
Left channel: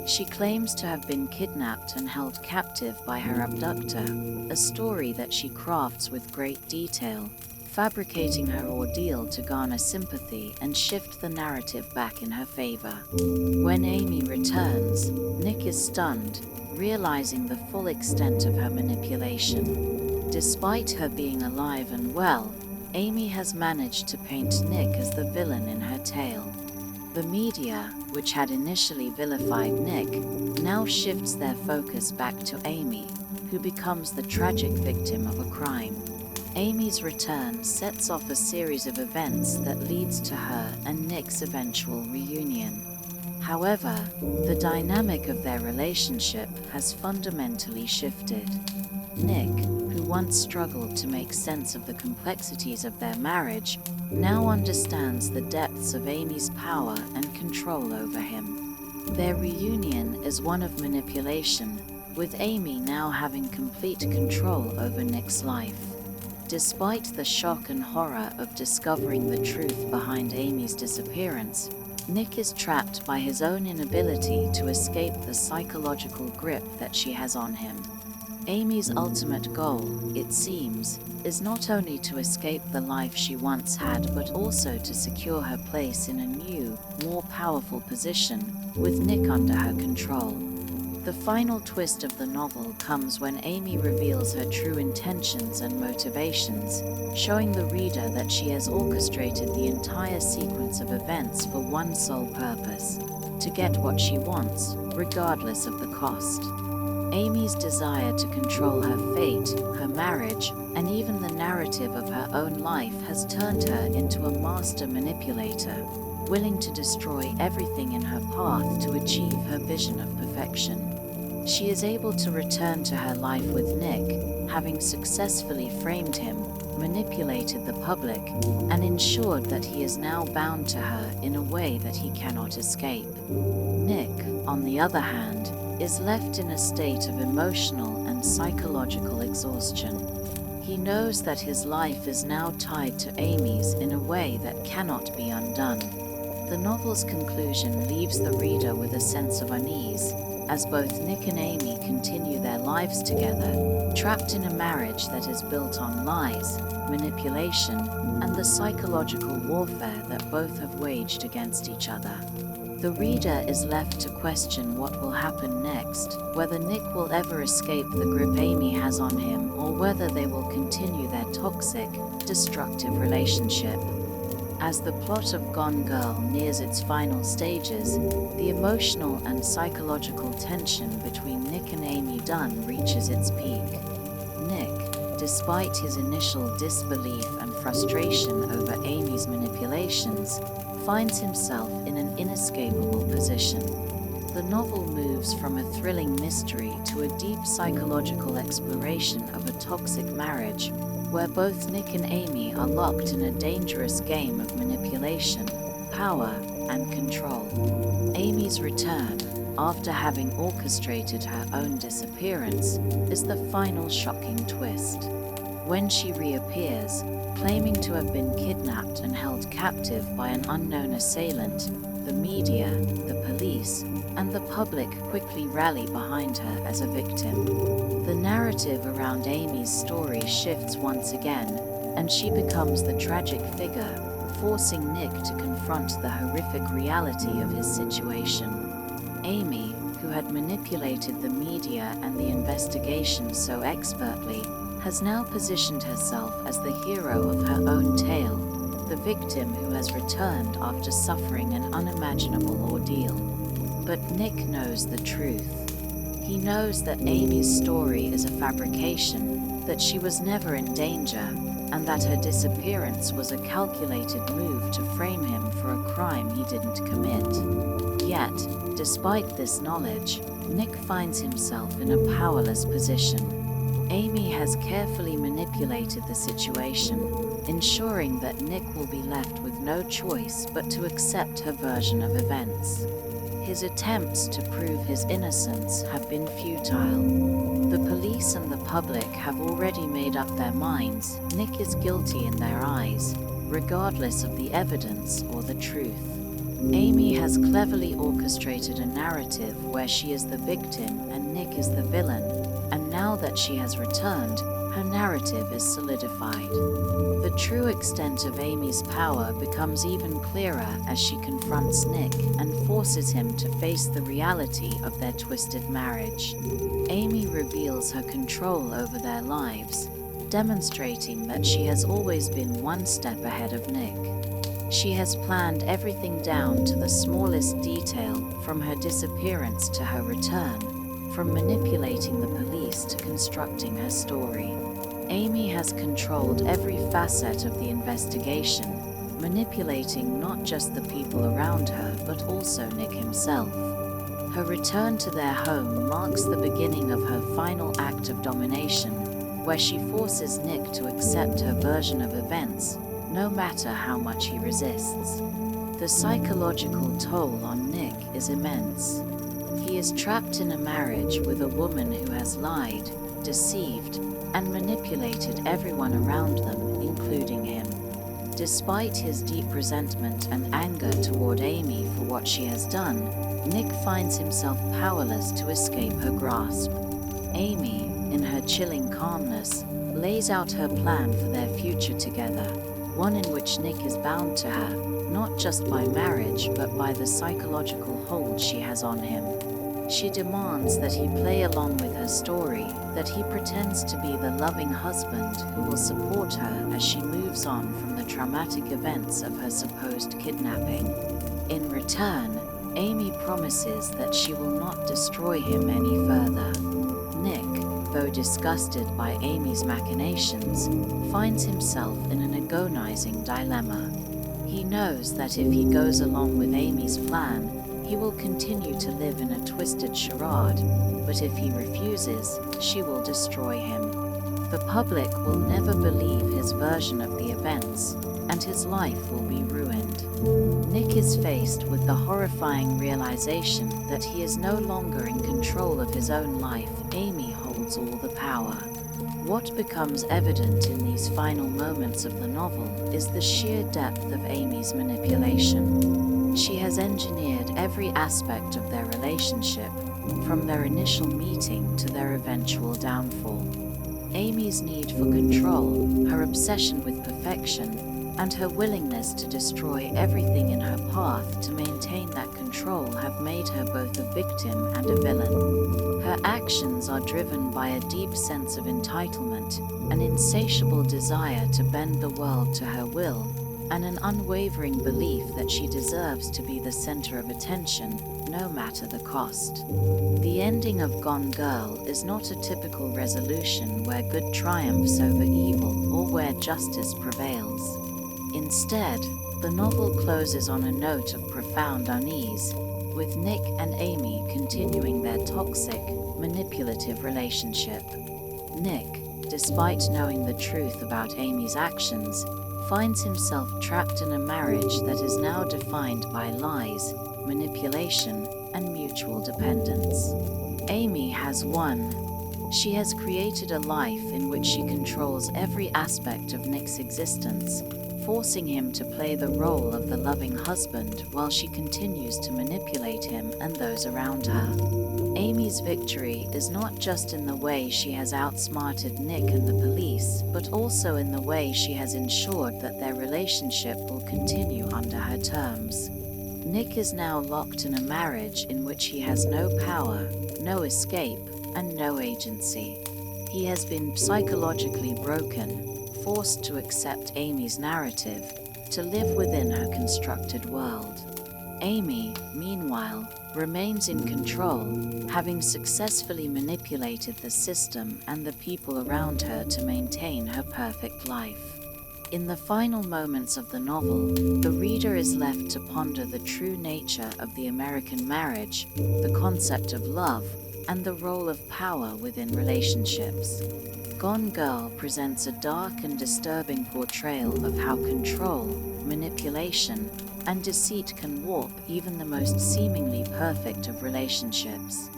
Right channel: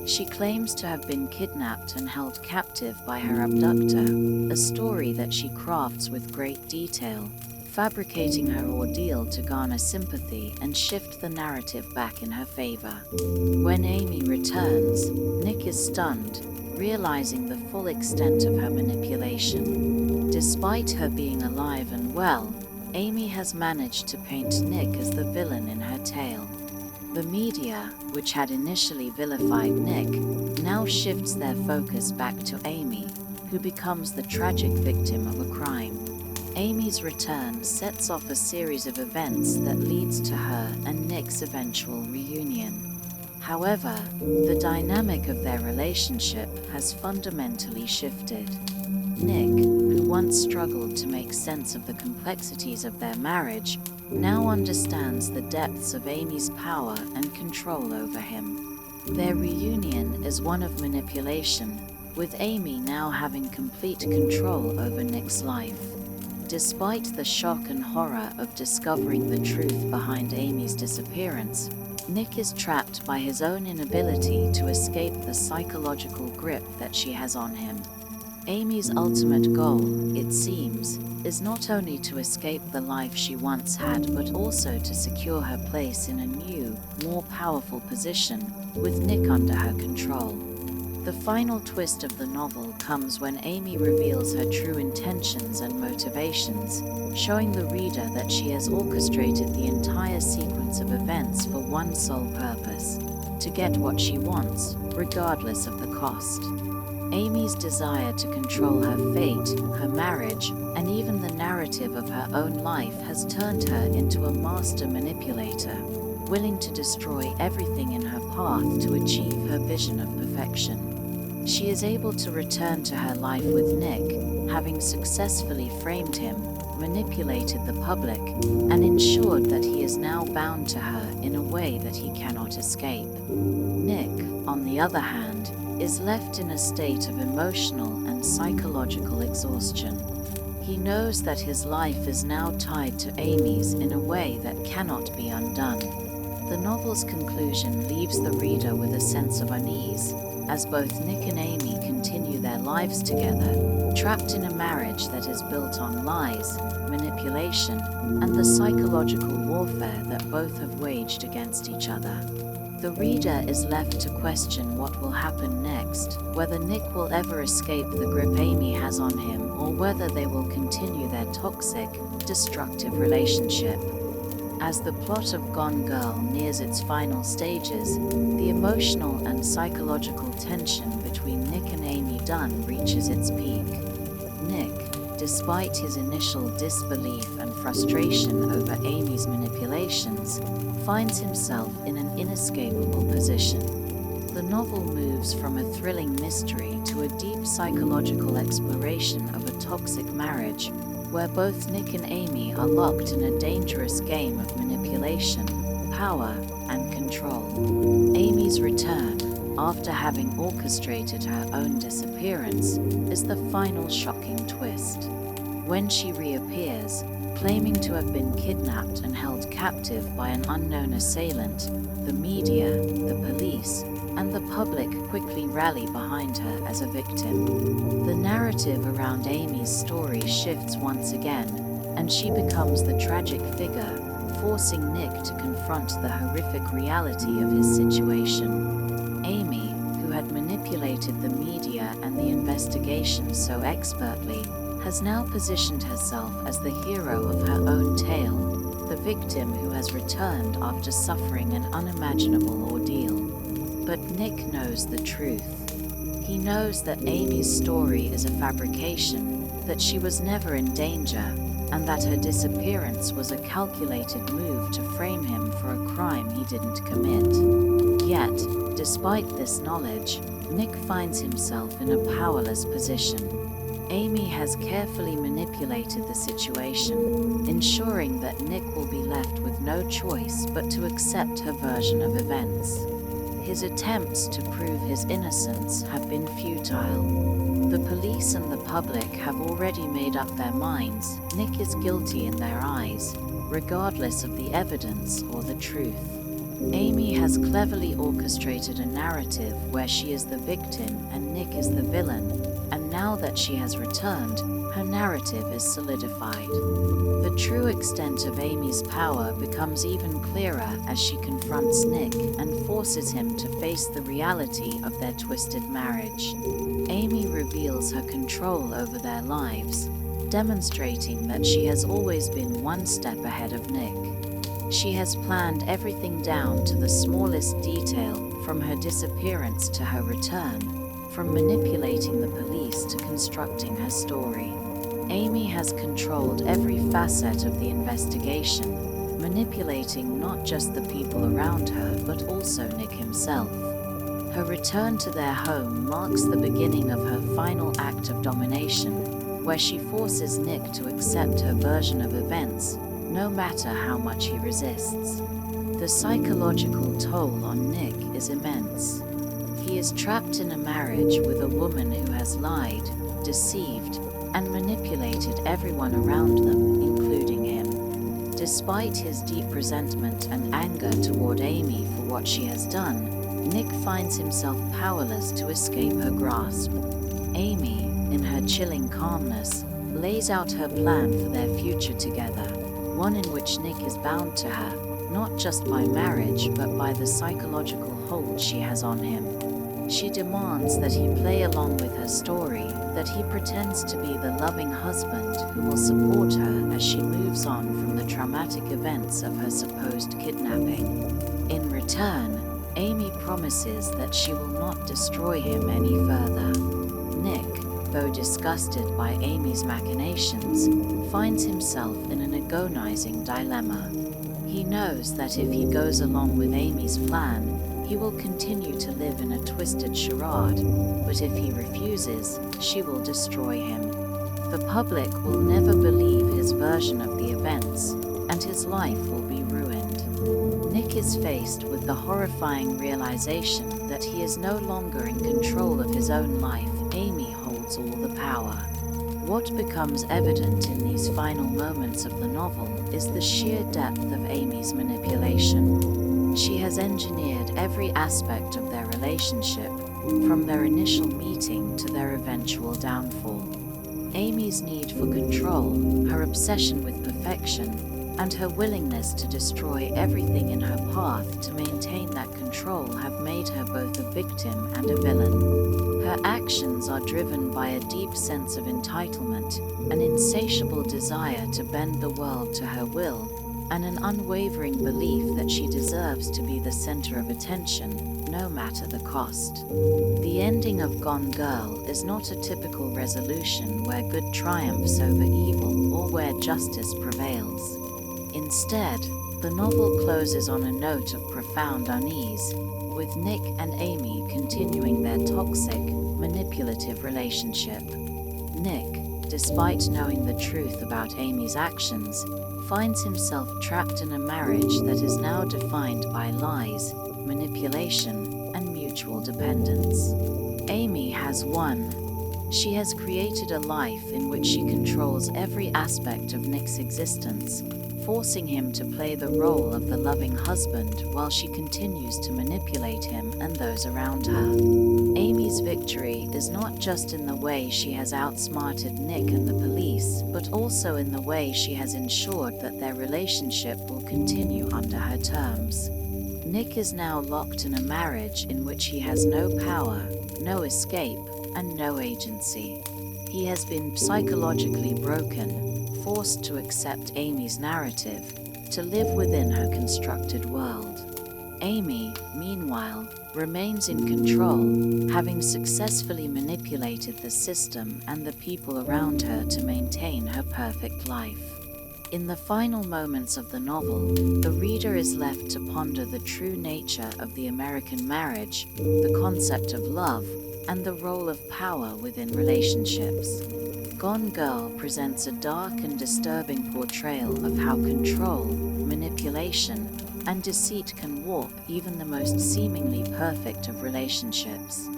She claims to have been kidnapped and held captive by her abductor, a story that she crafts with great detail, fabricating her ordeal to garner sympathy and shift the narrative back in her favor. When Amy returns, Nick is stunned, realizing the full extent of her manipulation. Despite her being alive and well, Amy has managed to paint Nick as the villain in her tale. The media, which had initially vilified Nick, now shifts their focus back to Amy, who becomes the tragic victim of a crime. Amy's return sets off a series of events that leads to her and Nick's eventual reunion. However, the dynamic of their relationship has fundamentally shifted. Nick, who once struggled to make sense of the complexities of their marriage, now understands the depths of Amy's power and control over him. Their reunion is one of manipulation, with Amy now having complete control over Nick's life. Despite the shock and horror of discovering the truth behind Amy's disappearance, Nick is trapped by his own inability to escape the psychological grip that she has on him. Amy's ultimate goal, it seems, is not only to escape the life she once had, but also to secure her place in a new, more powerful position, with Nick under her control. The final twist of the novel comes when Amy reveals her true intentions and motivations, showing the reader that she has orchestrated the entire sequence of events for one sole purpose: to get what she wants, regardless of the cost. Amy's desire to control her fate, her marriage, and even the narrative of her own life has turned her into a master manipulator, willing to destroy everything in her path to achieve her vision of perfection. She is able to return to her life with Nick, having successfully framed him, manipulated the public, and ensured that he is now bound to her in a way that he cannot escape. Nick, on the other hand, is left in a state of emotional and psychological exhaustion. He knows that his life is now tied to Amy's in a way that cannot be undone. The novel's conclusion leaves the reader with a sense of unease, as both Nick and Amy continue their lives together, trapped in a marriage that is built on lies, manipulation, and the psychological warfare that both have waged against each other. The reader is left to question what will happen next, whether Nick will ever escape the grip Amy has on him, or whether they will continue their toxic, destructive relationship. As the plot of Gone Girl nears its final stages, the emotional and psychological tension between Nick and Amy Dunne reaches its peak. Nick, despite his initial disbelief and frustration over Amy's manipulations, finds himself in an inescapable position. The novel moves from a thrilling mystery to a deep psychological exploration of a toxic marriage, where both Nick and Amy are locked in a dangerous game of manipulation, power, and control. Amy's return, after having orchestrated her own disappearance, is the final shocking twist. When she reappears, claiming to have been kidnapped and held captive by an unknown assailant, the media, the police, and the public quickly rally behind her as a victim. The narrative around Amy's story shifts once again, and she becomes the tragic figure, forcing Nick to confront the horrific reality of his situation. Amy, who had manipulated the media and the investigation so expertly, has now positioned herself as the hero of her own tale, the victim who has returned after suffering an unimaginable ordeal. But Nick knows the truth. He knows that Amy's story is a fabrication, that she was never in danger, and that her disappearance was a calculated move to frame him for a crime he didn't commit. Yet, despite this knowledge, Nick finds himself in a powerless position. Amy has carefully manipulated the situation, ensuring that Nick will be left with no choice but to accept her version of events. His attempts to prove his innocence have been futile. The police and the public have already made up their minds. Nick is guilty in their eyes, regardless of the evidence or the truth. Amy has cleverly orchestrated a narrative where she is the victim and Nick is the villain, and now that she has returned, her narrative is solidified. The true extent of Amy's power becomes even clearer as she confronts Nick and forces him to face the reality of their twisted marriage. Amy reveals her control over their lives, demonstrating that she has always been one step ahead of Nick. She has planned everything down to the smallest detail, from her disappearance to her return, from manipulating the police to constructing her story. Amy has controlled every facet of the investigation, manipulating not just the people around her, but also Nick himself. Her return to their home marks the beginning of her final act of domination, where she forces Nick to accept her version of events, no matter how much he resists. The psychological toll on Nick is immense. He is trapped in a marriage with a woman who has lied, deceived, and manipulated everyone around them, including him. Despite his deep resentment and anger toward Amy for what she has done, Nick finds himself powerless to escape her grasp. Amy, in her chilling calmness, lays out her plan for their future together, one in which Nick is bound to her, not just by marriage but by the psychological hold she has on him. She demands that he play along with her story, that he pretends to be the loving husband who will support her as she moves on from the traumatic events of her supposed kidnapping. In return, Amy promises that she will not destroy him any further. Nick, though disgusted by Amy's machinations, finds himself in an agonizing dilemma. He knows that if he goes along with Amy's plan, he will continue to live in a twisted charade, but if he refuses, she will destroy him. The public will never believe his version of the events, and his life will be ruined. Nick is faced with the horrifying realization that he is no longer in control of his own life. Amy holds all the power. What becomes evident in these final moments of the novel is the sheer depth of Amy's manipulation. She has engineered every aspect of their relationship, from their initial meeting to their eventual downfall. Amy's need for control, her obsession with perfection, and her willingness to destroy everything in her path to maintain that control have made her both a victim and a villain. Her actions are driven by a deep sense of entitlement, an insatiable desire to bend the world to her will, and an unwavering belief that she deserves to be the center of attention, no matter the cost. The ending of Gone Girl is not a typical resolution where good triumphs over evil or where justice prevails. Instead, the novel closes on a note of profound unease, with Nick and Amy continuing their toxic, manipulative relationship. Nick, despite knowing the truth about Amy's actions, finds himself trapped in a marriage that is now defined by lies, manipulation, and mutual dependence. Amy has won. She has created a life in which she controls every aspect of Nick's existence, forcing him to play the role of the loving husband while she continues to manipulate him and those around her. Amy's victory is not just in the way she has outsmarted Nick and the police, but also in the way she has ensured that their relationship will continue under her terms. Nick is now locked in a marriage in which he has no power, no escape, and no agency. He has been psychologically broken, forced to accept Amy's narrative, to live within her constructed world. Amy, meanwhile, remains in control, having successfully manipulated the system and the people around her to maintain her perfect life. In the final moments of the novel, the reader is left to ponder the true nature of the American marriage, the concept of love, and the role of power within relationships. Gone Girl presents a dark and disturbing portrayal of how control, manipulation, and deceit can warp even the most seemingly perfect of relationships.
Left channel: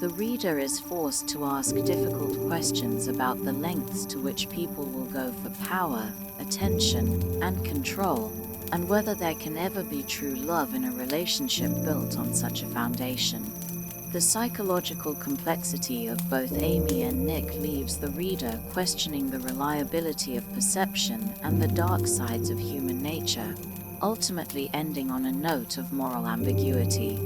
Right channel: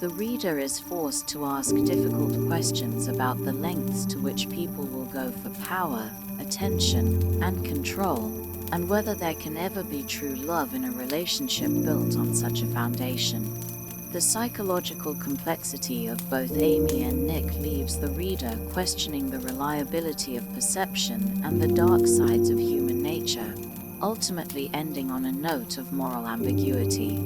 The reader is forced to ask difficult questions about the lengths to which people will go for power, attention, and control, and whether there can ever be true love in a relationship built on such a foundation. The psychological complexity of both Amy and Nick leaves the reader questioning the reliability of perception and the dark sides of human nature, ultimately ending on a note of moral ambiguity.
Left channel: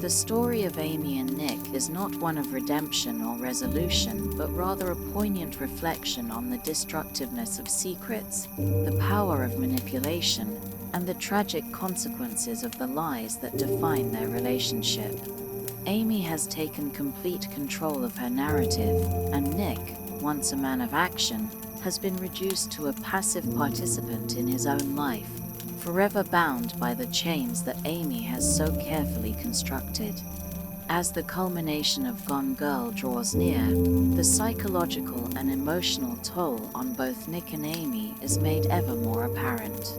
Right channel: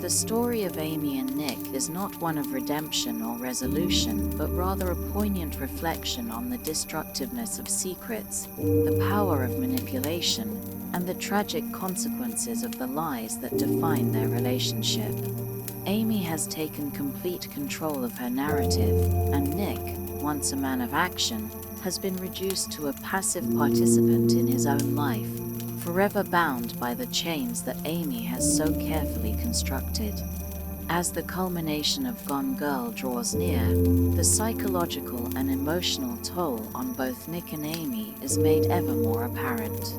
The story of Amy and Nick is not one of redemption or resolution, but rather a poignant reflection on the destructiveness of secrets, the power of manipulation, and the tragic consequences of the lies that define their relationship. Amy has taken complete control of her narrative, and Nick, once a man of action, has been reduced to a passive participant in his own life, forever bound by the chains that Amy has so carefully constructed. As the culmination of Gone Girl draws near, the psychological and emotional toll on both Nick and Amy is made ever more apparent.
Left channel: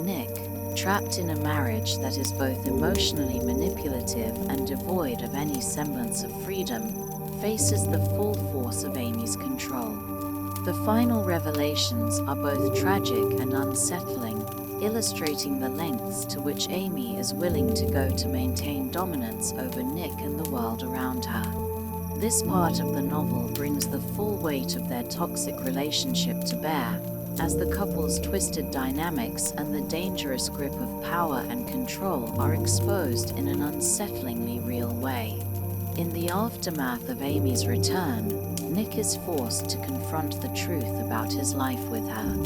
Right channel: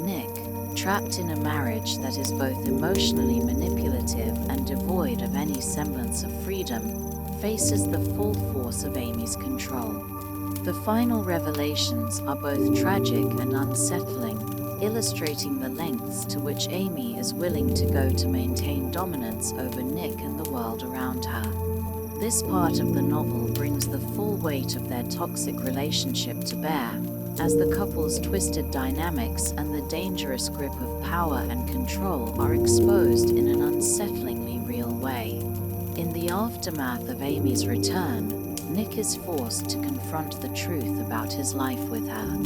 Nick, trapped in a marriage that is both emotionally manipulative and devoid of any semblance of freedom, faces the full force of Amy's control. The final revelations are both tragic and unsettling, illustrating the lengths to which Amy is willing to go to maintain dominance over Nick and the world around her. This part of the novel brings the full weight of their toxic relationship to bear, as the couple's twisted dynamics and the dangerous grip of power and control are exposed in an unsettlingly real way. In the aftermath of Amy's return, Nick is forced to confront the truth about his life with her.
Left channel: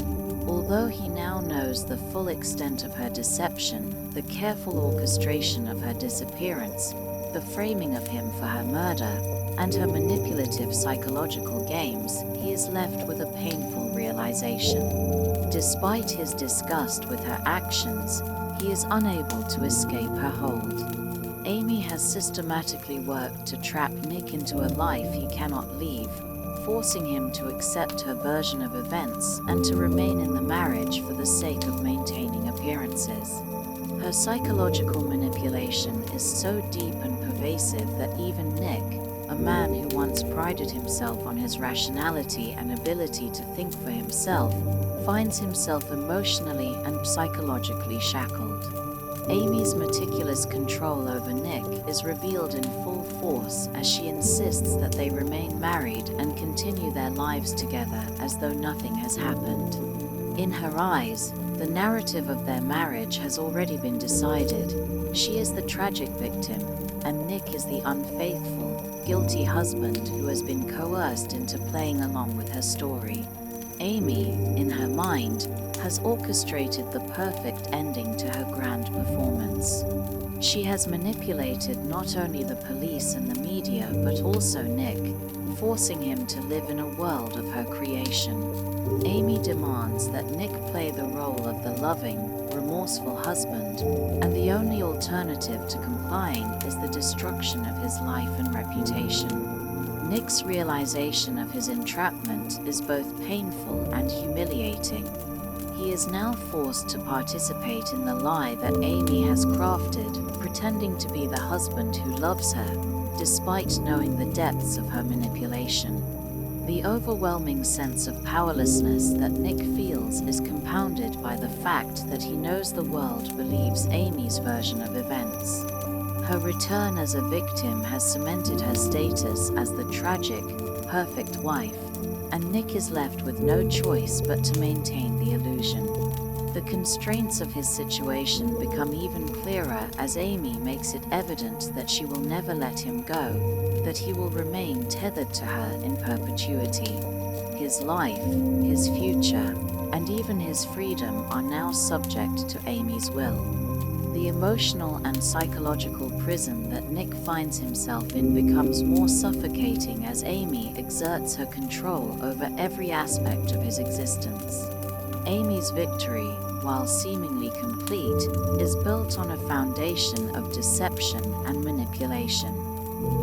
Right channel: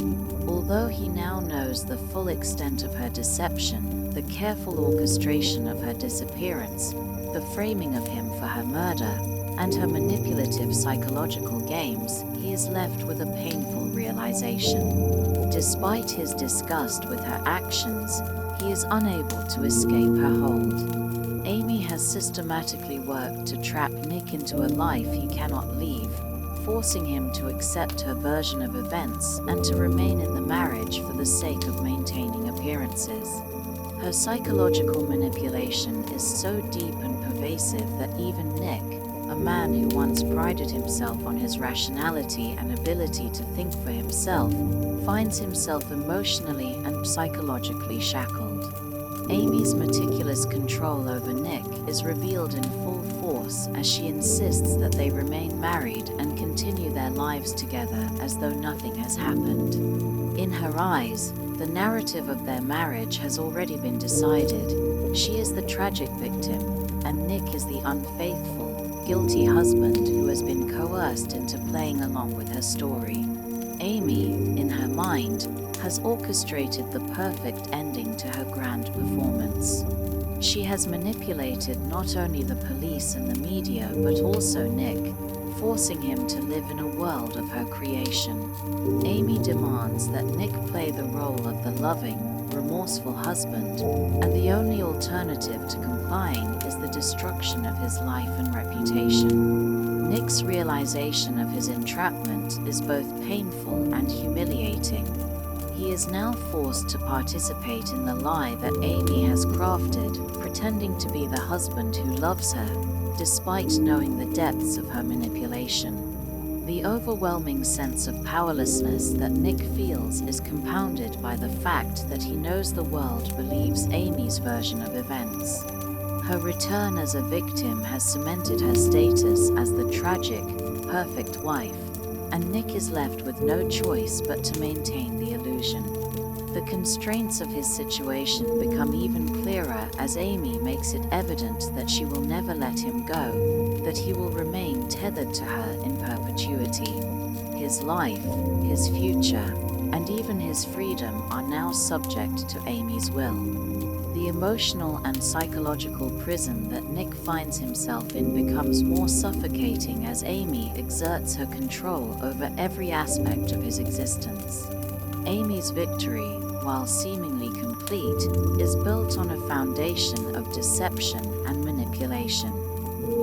Although he now knows the full extent of her deception, the careful orchestration of her disappearance, the framing of him for her murder, and her manipulative psychological games, he is left with a painful realization. Despite his disgust with her actions, he is unable to escape her hold. Amy has systematically worked to trap Nick into a life he cannot leave, forcing him to accept her version of events and to remain in the marriage for the sake of maintaining appearances. Her psychological manipulation is so deep and pervasive that even Nick, a man who once prided himself on his rationality and ability to think for himself, finds himself emotionally and psychologically shackled. Amy's meticulous control over Nick is revealed in full force as she insists that they remain married and continue their lives together as though nothing has happened. In her eyes, the narrative of their marriage has already been decided. She is the tragic victim, and Nick is the unfaithful, guilty husband who has been coerced into playing along with her story. Amy, in her mind, has orchestrated the perfect ending to her grand performance. She has manipulated not only the police and the media but also Nick, forcing him to live in a world of her creation. Amy demands that Nick play the role of the loving, remorseful husband, and the only alternative to complying is the destruction of his life and reputation. Nick's realization of his entrapment is both painful and humiliating. He is now forced to participate in the lie that Amy has crafted, pretending to be the husband who loves her, despite knowing the depths of her manipulation. The overwhelming sense of powerlessness that Nick feels is compounded by the fact that he knows the world believes Amy's version of events. Her return as a victim has cemented her status as the tragic, perfect wife, and Nick is left with no choice but to maintain the illusion. The constraints of his situation become even clearer as Amy makes it evident that she will never let him go, that he will remain tethered to her in perpetuity. His life, his future, and even his freedom are now subject to Amy's will. The emotional and psychological prison that Nick finds himself in becomes more suffocating as Amy exerts her control over every aspect of his existence. Amy's victory, while seemingly complete, is built on a foundation of deception and manipulation.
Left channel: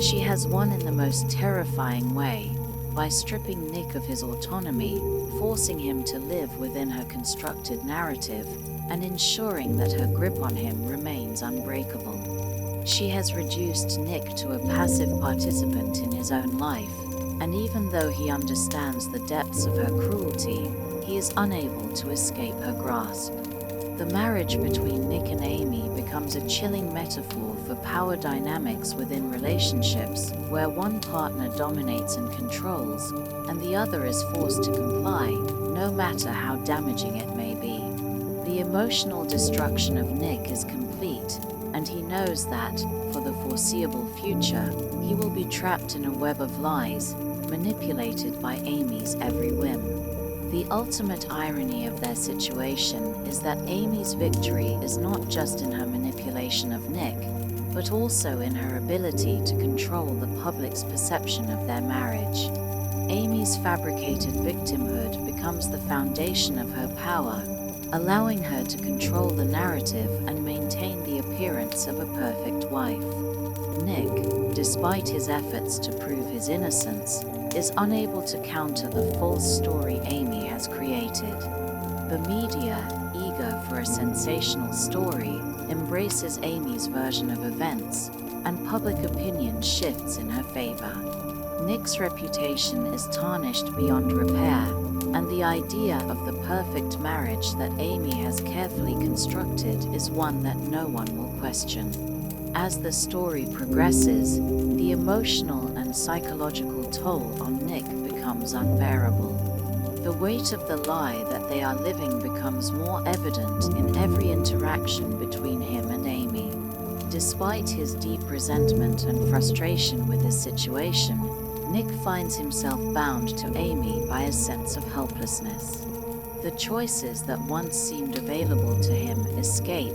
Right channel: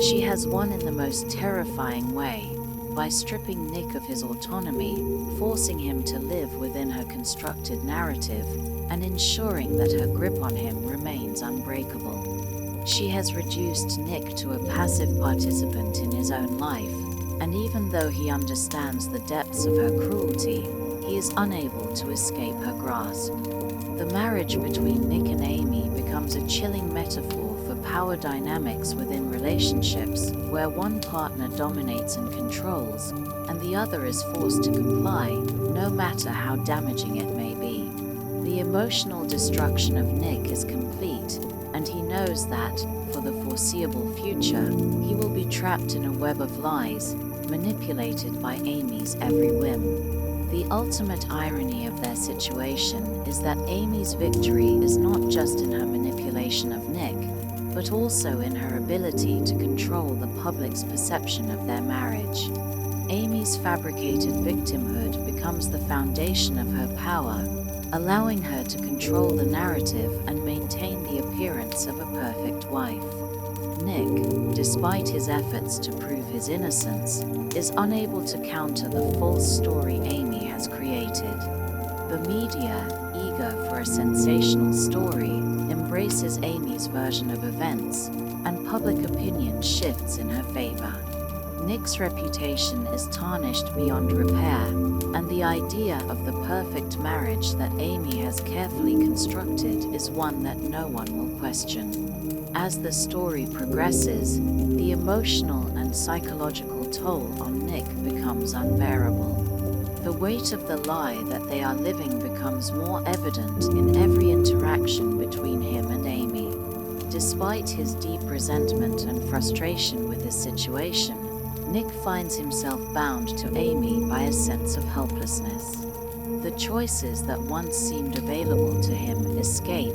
She has won in the most terrifying way, by stripping Nick of his autonomy, forcing him to live within her constructed narrative, and ensuring that her grip on him remains unbreakable. She has reduced Nick to a passive participant in his own life, and even though he understands the depths of her cruelty, he is unable to escape her grasp. The marriage between Nick and Amy becomes a chilling metaphor for power dynamics within relationships where one partner dominates and controls, and the other is forced to comply, no matter how damaging it may be. The emotional destruction of Nick is complete, and he knows that, for the foreseeable future, he will be trapped in a web of lies, manipulated by Amy's every whim. The ultimate irony of their situation is that Amy's victory is not just in her manipulation of Nick, but also in her ability to control the public's perception of their marriage. Amy's fabricated victimhood becomes the foundation of her power, allowing her to control the narrative and maintain the appearance of a perfect wife. Nick, despite his efforts to prove his innocence, is unable to counter the false story Amy has created. The media, eager for a sensational story, embraces Amy's version of events, and public opinion shifts in her favor. Nick's reputation is tarnished beyond repair, and the idea of the perfect marriage that Amy has carefully constructed is one that no one will question. As the story progresses, the emotional and psychological toll on Nick becomes unbearable. The weight of the lie that they are living becomes more evident in every interaction between him and Amy. Despite his deep resentment and frustration with his situation, Nick finds himself bound to Amy by a sense of helplessness. The choices that once seemed available to him, escape,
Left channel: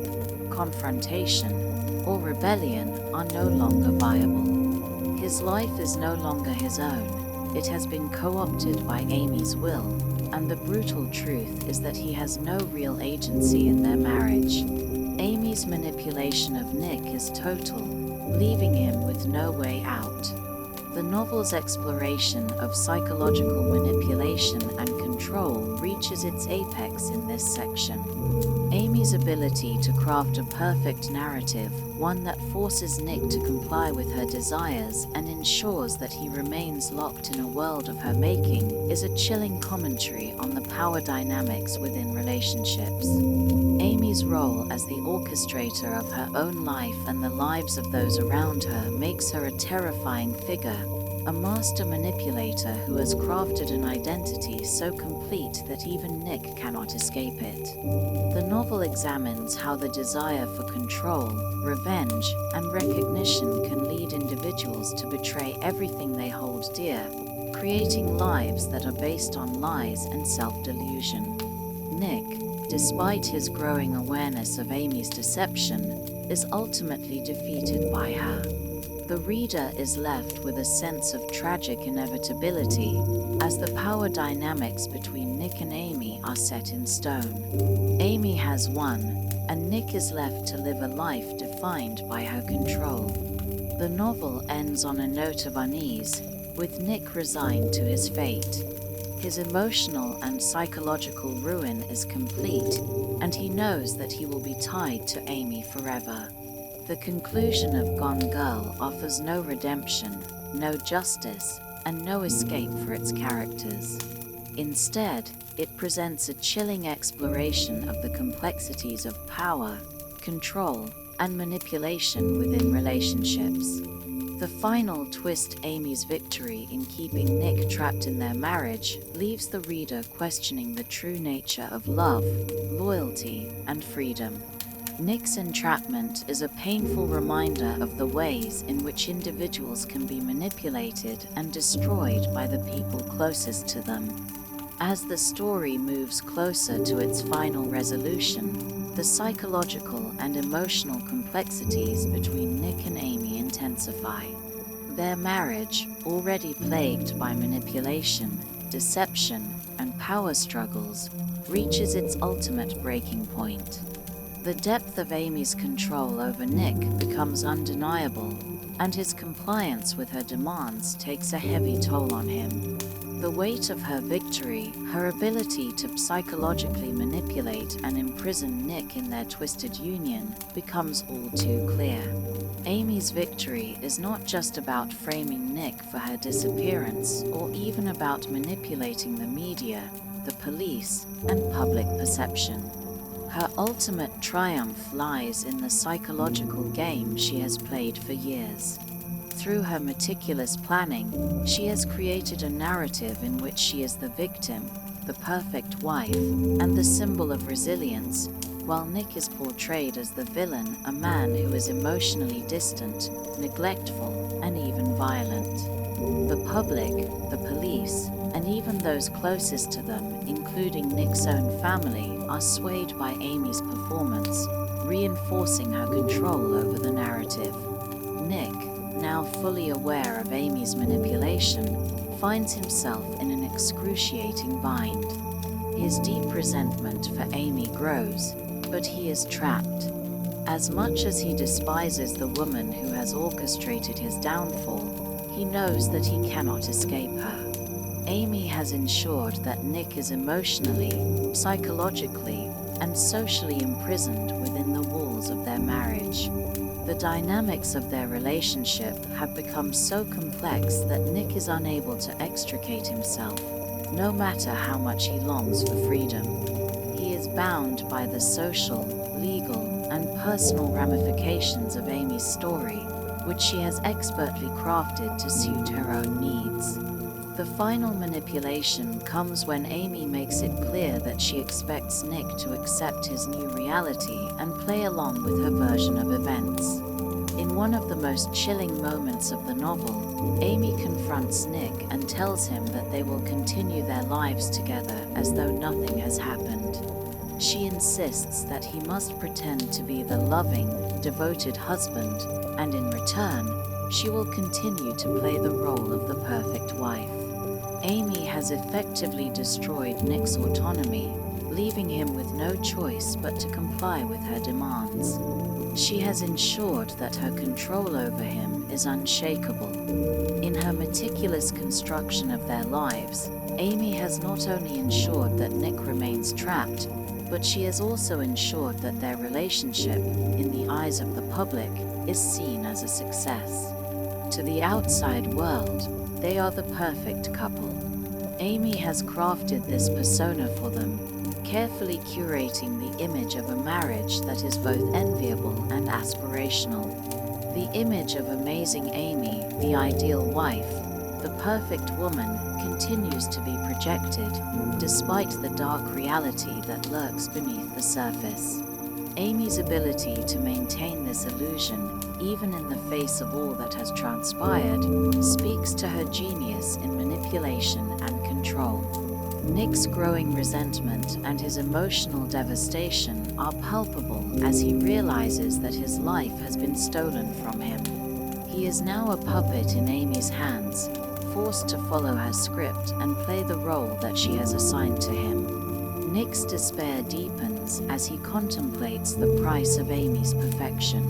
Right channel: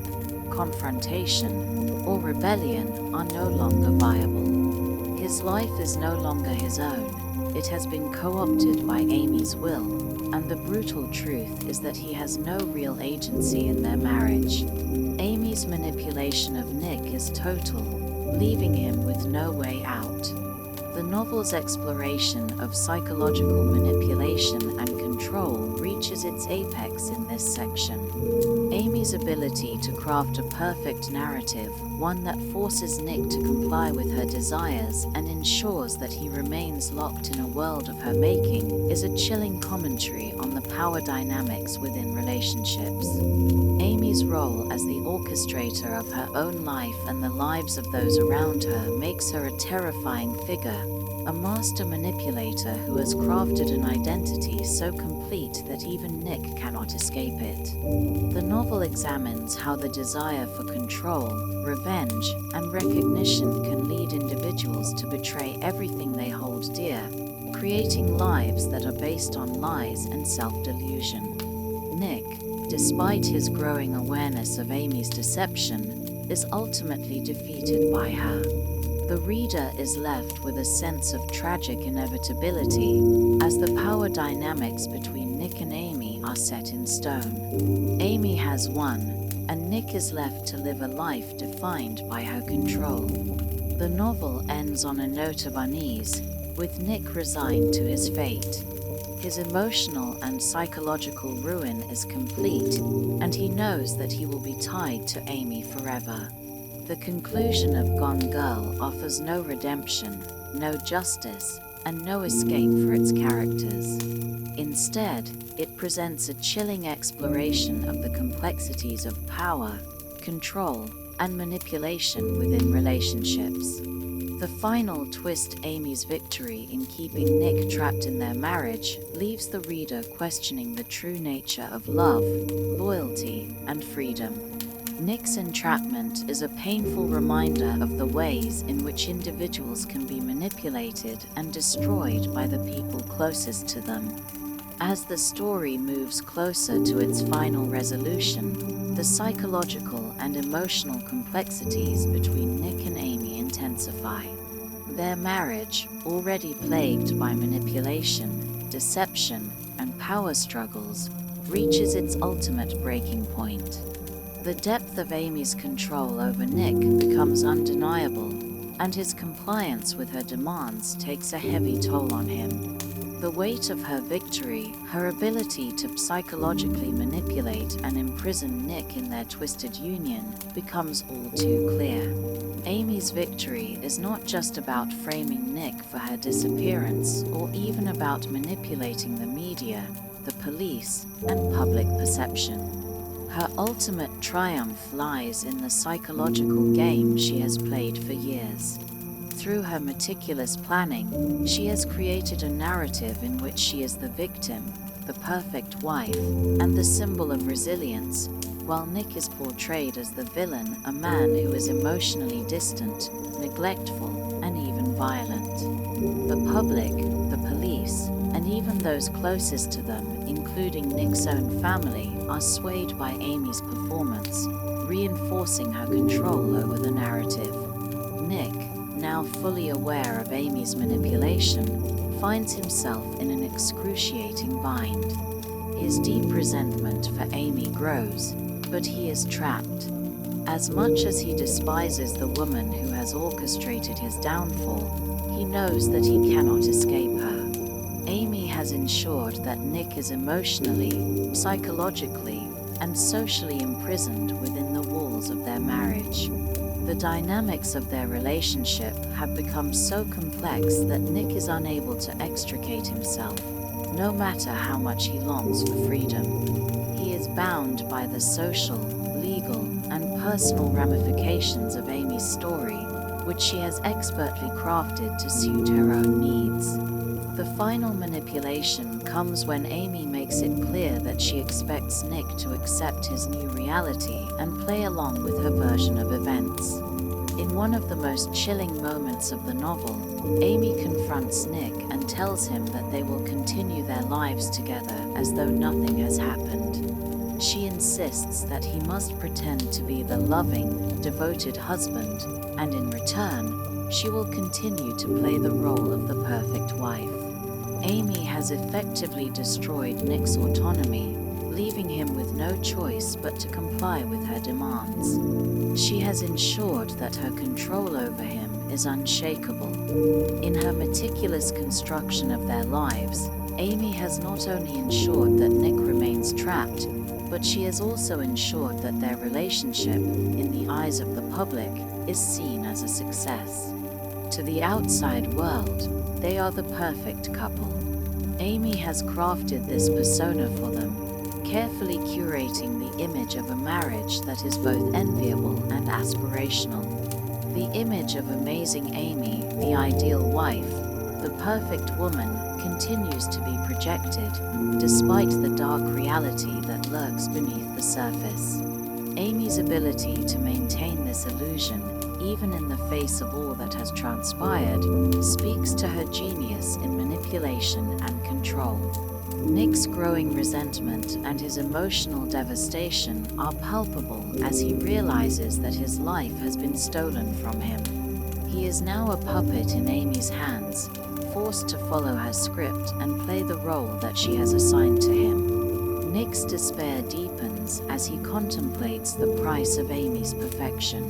confrontation, or rebellion, are no longer viable. His life is no longer his own. It has been co-opted by Amy's will, and the brutal truth is that he has no real agency in their marriage. Amy's manipulation of Nick is total, leaving him with no way out. The novel's exploration of psychological manipulation and control reaches its apex in this section. Amy's ability to craft a perfect narrative, one that forces Nick to comply with her desires and ensures that he remains locked in a world of her making, is a chilling commentary on the power dynamics within relationships. Amy's role as the orchestrator of her own life and the lives of those around her makes her a terrifying figure, a master manipulator who has crafted an identity so complete that even Nick cannot escape it. The novel examines how the desire for control, revenge, and recognition can lead individuals to betray everything they hold dear, creating lives that are based on lies and self-delusion. Nick, despite his growing awareness of Amy's deception, is ultimately defeated by her. The reader is left with a sense of tragic inevitability, as the power dynamics between Nick and Amy are set in stone. Amy has won, and Nick is left to live a life defined by her control. The novel ends on a note of unease, with Nick resigned to his fate. His emotional and psychological ruin is complete, and he knows that he will be tied to Amy forever. The conclusion of Gone Girl offers no redemption, no justice, and no escape for its characters. Instead, it presents a chilling exploration of the complexities of power, control, and manipulation within relationships. The final twist, Amy's victory in keeping Nick trapped in their marriage, leaves the reader questioning the true nature of love, loyalty, and freedom. Nick's entrapment is a painful reminder of the ways in which individuals can be manipulated and destroyed by the people closest to them. As the story moves closer to its final resolution, the psychological and emotional complexities between Nick and Amy intensify. Their marriage, already plagued by manipulation, deception, and power struggles, reaches its ultimate breaking point. The depth of Amy's control over Nick becomes undeniable, and his compliance with her demands takes a heavy toll on him. The weight of her victory, her ability to psychologically manipulate and imprison Nick in their twisted union, becomes all too clear. Amy's victory is not just about framing Nick for her disappearance, or even about manipulating the media, the police, and public perception. Her ultimate triumph lies in the psychological game she has played for years. Through her meticulous planning, she has created a narrative in which she is the victim, the perfect wife, and the symbol of resilience, while Nick is portrayed as the villain, a man who is emotionally distant, neglectful, and even violent. The public, the police, and even those closest to them, including Nick's own family, are swayed by Amy's performance, reinforcing her control over the narrative. Nick, now fully aware of Amy's manipulation, finds himself in an excruciating bind. His deep resentment for Amy grows, but he is trapped. As much as he despises the woman who has orchestrated his downfall, he knows that he cannot escape her. Amy has ensured that Nick is emotionally, psychologically, and socially imprisoned within the walls of their marriage. The dynamics of their relationship have become so complex that Nick is unable to extricate himself, no matter how much he longs for freedom. He is bound by the social, legal, and personal ramifications of Amy's story, which she has expertly crafted to suit her own needs. The final manipulation comes when Amy makes it clear that she expects Nick to accept his new reality and play along with her version of events. In one of the most chilling moments of the novel, Amy confronts Nick and tells him that they will continue their lives together as though nothing has happened. She insists that he must pretend to be the loving, devoted husband, and in return, she will continue to play the role of the perfect wife. Amy has effectively destroyed Nick's autonomy, leaving him with no choice but to comply with her demands. She has ensured that her control over him is unshakable, In her meticulous construction of their lives, Amy has not only ensured that Nick remains trapped, but she has also ensured that their relationship, in the eyes of the public, is seen as a success. To the outside world, they are the perfect couple. Amy has crafted this persona for them, carefully curating the image of a marriage that is both enviable and aspirational. The image of amazing Amy, the ideal wife, the perfect woman, continues to be projected, despite the dark reality that lurks beneath the surface. Amy's ability to maintain this illusion, even in the face of all that has transpired, speaks to her genius in manipulation and control. Nick's growing resentment and his emotional devastation are palpable as he realizes that his life has been stolen from him. He is now a puppet in Amy's hands, forced to follow her script and play the role that she has assigned to him. Nick's despair deepens as he contemplates the price of Amy's perfection.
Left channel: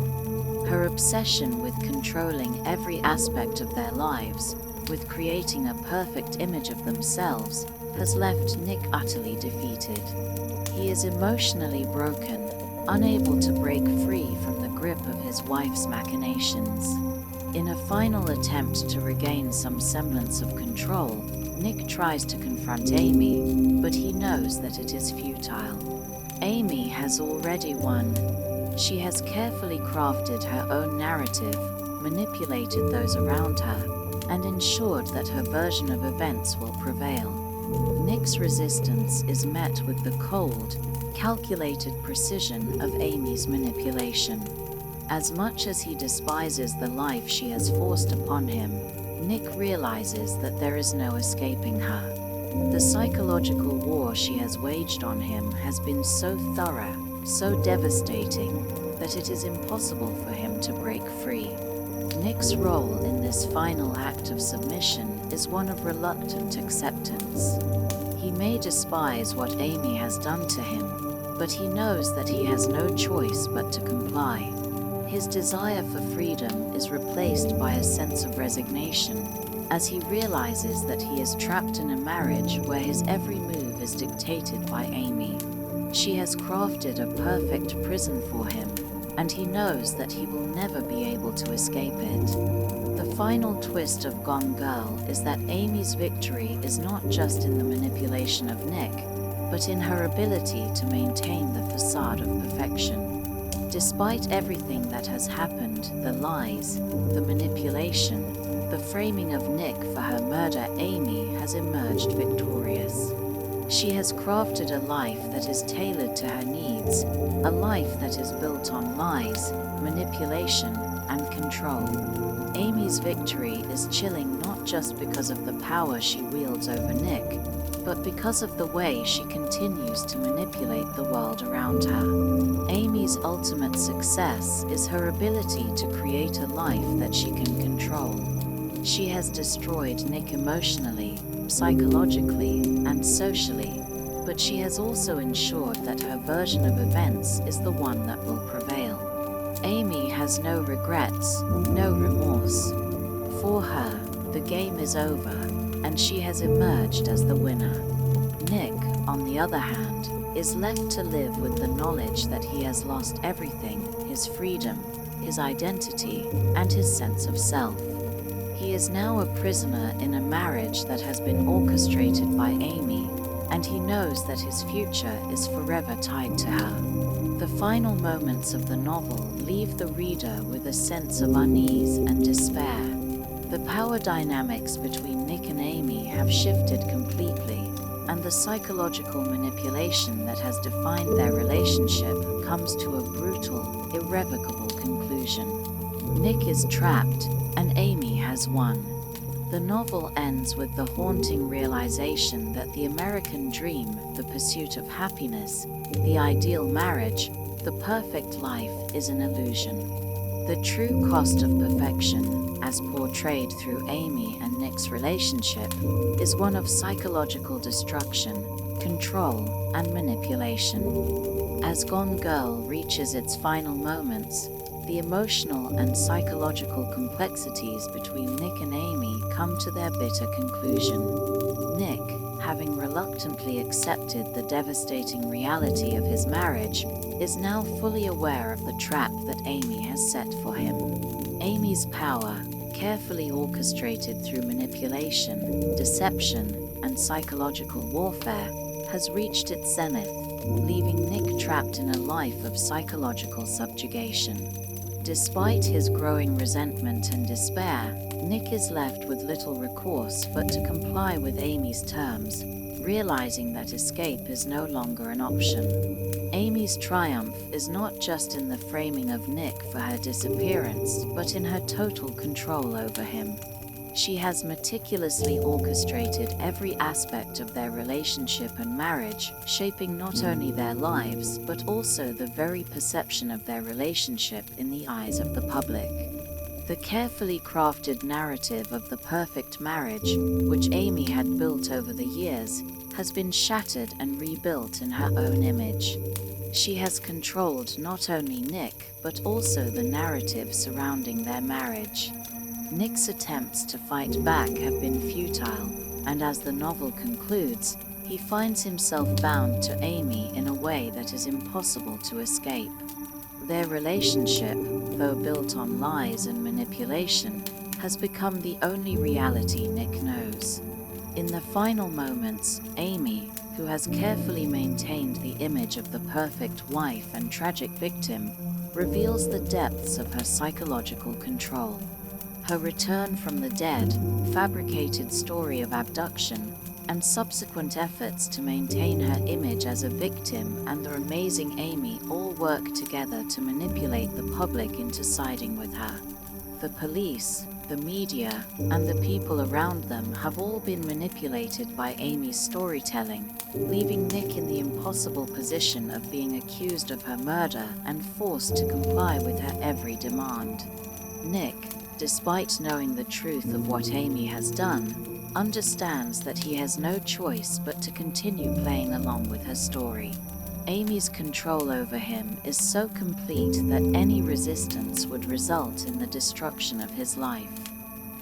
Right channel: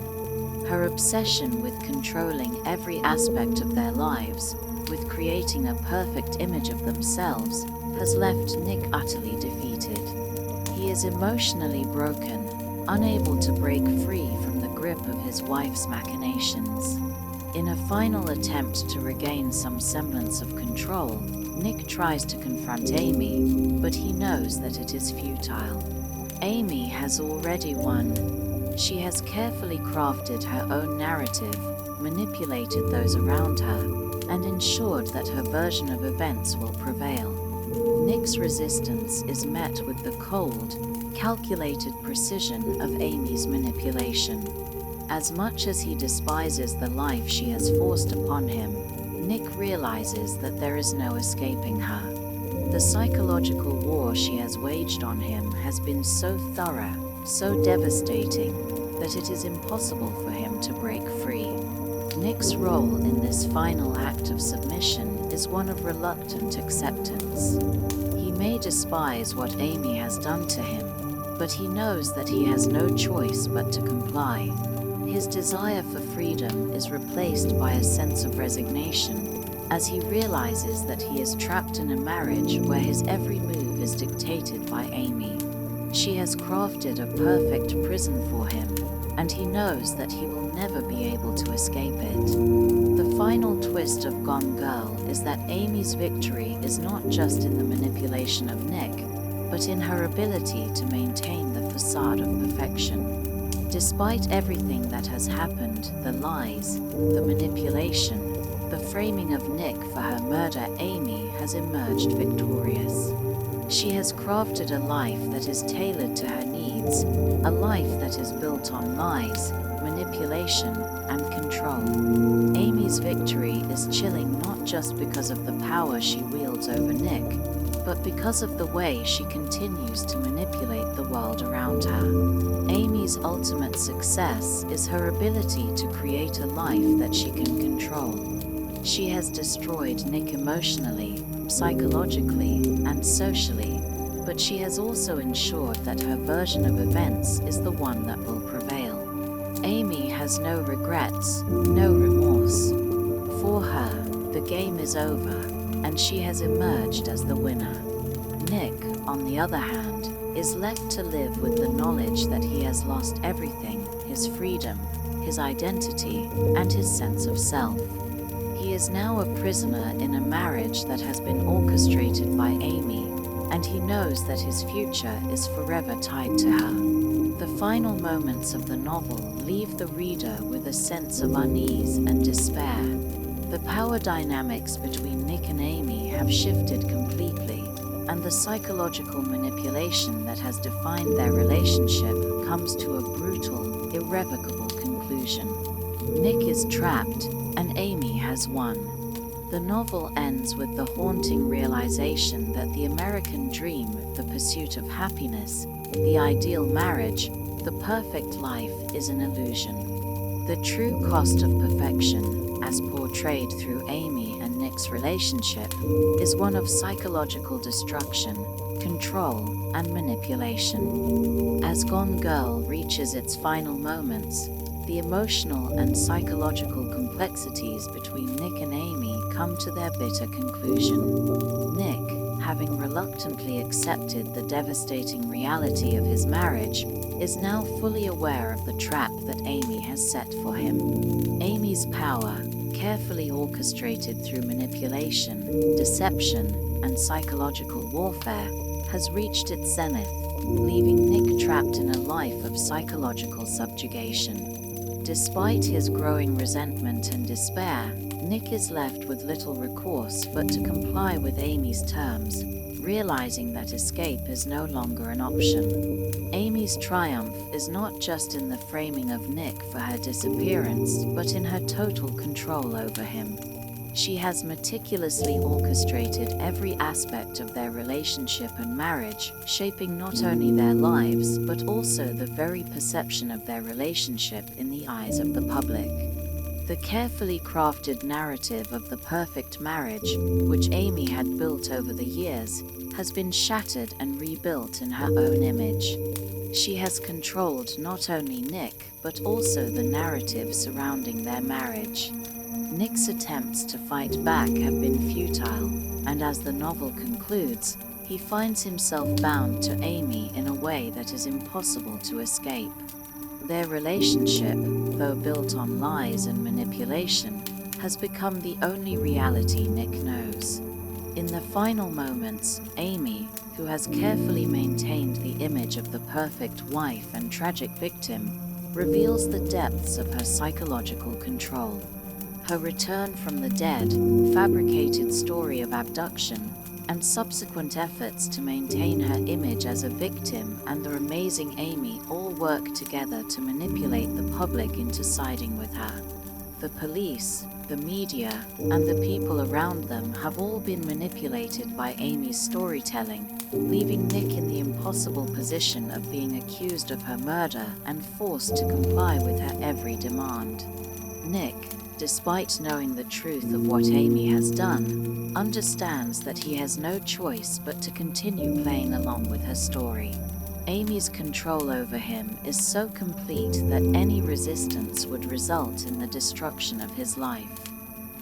Her obsession with controlling every aspect of their lives, with creating a perfect image of themselves, has left Nick utterly defeated. He is emotionally broken, unable to break free from the grip of his wife's machinations. In a final attempt to regain some semblance of control, Nick tries to confront Amy, but he knows that it is futile. Amy has already won. She has carefully crafted her own narrative, manipulated those around her, and ensured that her version of events will prevail. Nick's resistance is met with the cold, calculated precision of Amy's manipulation. As much as he despises the life she has forced upon him, Nick realizes that there is no escaping her. The psychological war she has waged on him has been so thorough, so devastating, that it is impossible for him to break free. Nick's role in this final act of submission is one of reluctant acceptance. He may despise what Amy has done to him, but he knows that he has no choice but to comply. His desire for freedom is replaced by a sense of resignation, as he realizes that he is trapped in a marriage where his every move is dictated by Amy. She has crafted a perfect prison for him, and he knows that he will never be able to escape it. The final twist of Gone Girl is that Amy's victory is not just in the manipulation of Nick, but in her ability to maintain the facade of perfection. Despite everything that has happened, the lies, the manipulation, the framing of Nick for her murder, Amy has emerged victorious. She has crafted a life that is tailored to her needs, a life that is built on lies, manipulation, and control. Amy's victory is chilling not just because of the power she wields over Nick, but because of the way she continues to manipulate the world around her. Amy's ultimate success is her ability to create a life that she can control. She has destroyed Nick emotionally, psychologically, and socially, but she has also ensured that her version of events is the one that will prevail. Amy has no regrets, no remorse. For her, the game is over, and she has emerged as the winner. Nick, on the other hand, is left to live with the knowledge that he has lost everything: his freedom, his identity, and his sense of self. He is now a prisoner in a marriage that has been orchestrated by Amy, and he knows that his future is forever tied to her. The final moments of the novel leave the reader with a sense of unease and despair. The power dynamics between Nick and Amy have shifted completely, and the psychological manipulation that has defined their relationship comes to a brutal, irrevocable conclusion. Nick is trapped, and Amy has won. The novel ends with the haunting realization that the American dream, the pursuit of happiness, the ideal marriage, the perfect life is an illusion. The true cost of perfection, as portrayed through Amy and Nick's relationship, is one of psychological destruction, control, and manipulation. As Gone Girl reaches its final moments, The emotional and psychological complexities between Nick and Amy come to their bitter conclusion. Nick, having reluctantly accepted the devastating reality of his marriage, is now fully aware of the trap that Amy has set for him. Amy's power, carefully orchestrated through manipulation, deception, and psychological warfare, has reached its zenith, leaving Nick trapped in a life of psychological subjugation. Despite his growing resentment and despair, Nick is left with little recourse but to comply with Amy's terms, realizing that escape is no longer an option. Amy's triumph is not just in the framing of Nick for her disappearance, but in her total control over him. She has meticulously orchestrated every aspect of their relationship and marriage, shaping not only their lives, but also the very perception of their relationship in the eyes of the public. The carefully crafted narrative of the perfect marriage, which Amy had built over the years, has been shattered and rebuilt in her own image. She has controlled not only Nick, but also the narrative surrounding their marriage. Nick's attempts to fight back have been futile, and as the novel concludes, he finds himself bound to Amy in a way that is impossible to escape. Their relationship, though built on lies and manipulation, has become the only reality Nick knows. In the final moments, Amy, who has carefully maintained the image of the perfect wife and tragic victim, reveals the depths of her psychological control. Her return from the dead, fabricated story of abduction, and subsequent efforts to maintain her image as a victim and the amazing Amy all work together to manipulate the public into siding with her. The police, the media, and the people around them have all been manipulated by Amy's storytelling, leaving Nick in the impossible position of being accused of her murder and forced to comply with her every demand. Nick, despite knowing the truth of what Amy has done, understands that he has no choice but to continue playing along with her story. Amy's control over him is so complete that any resistance would result in the destruction of his life.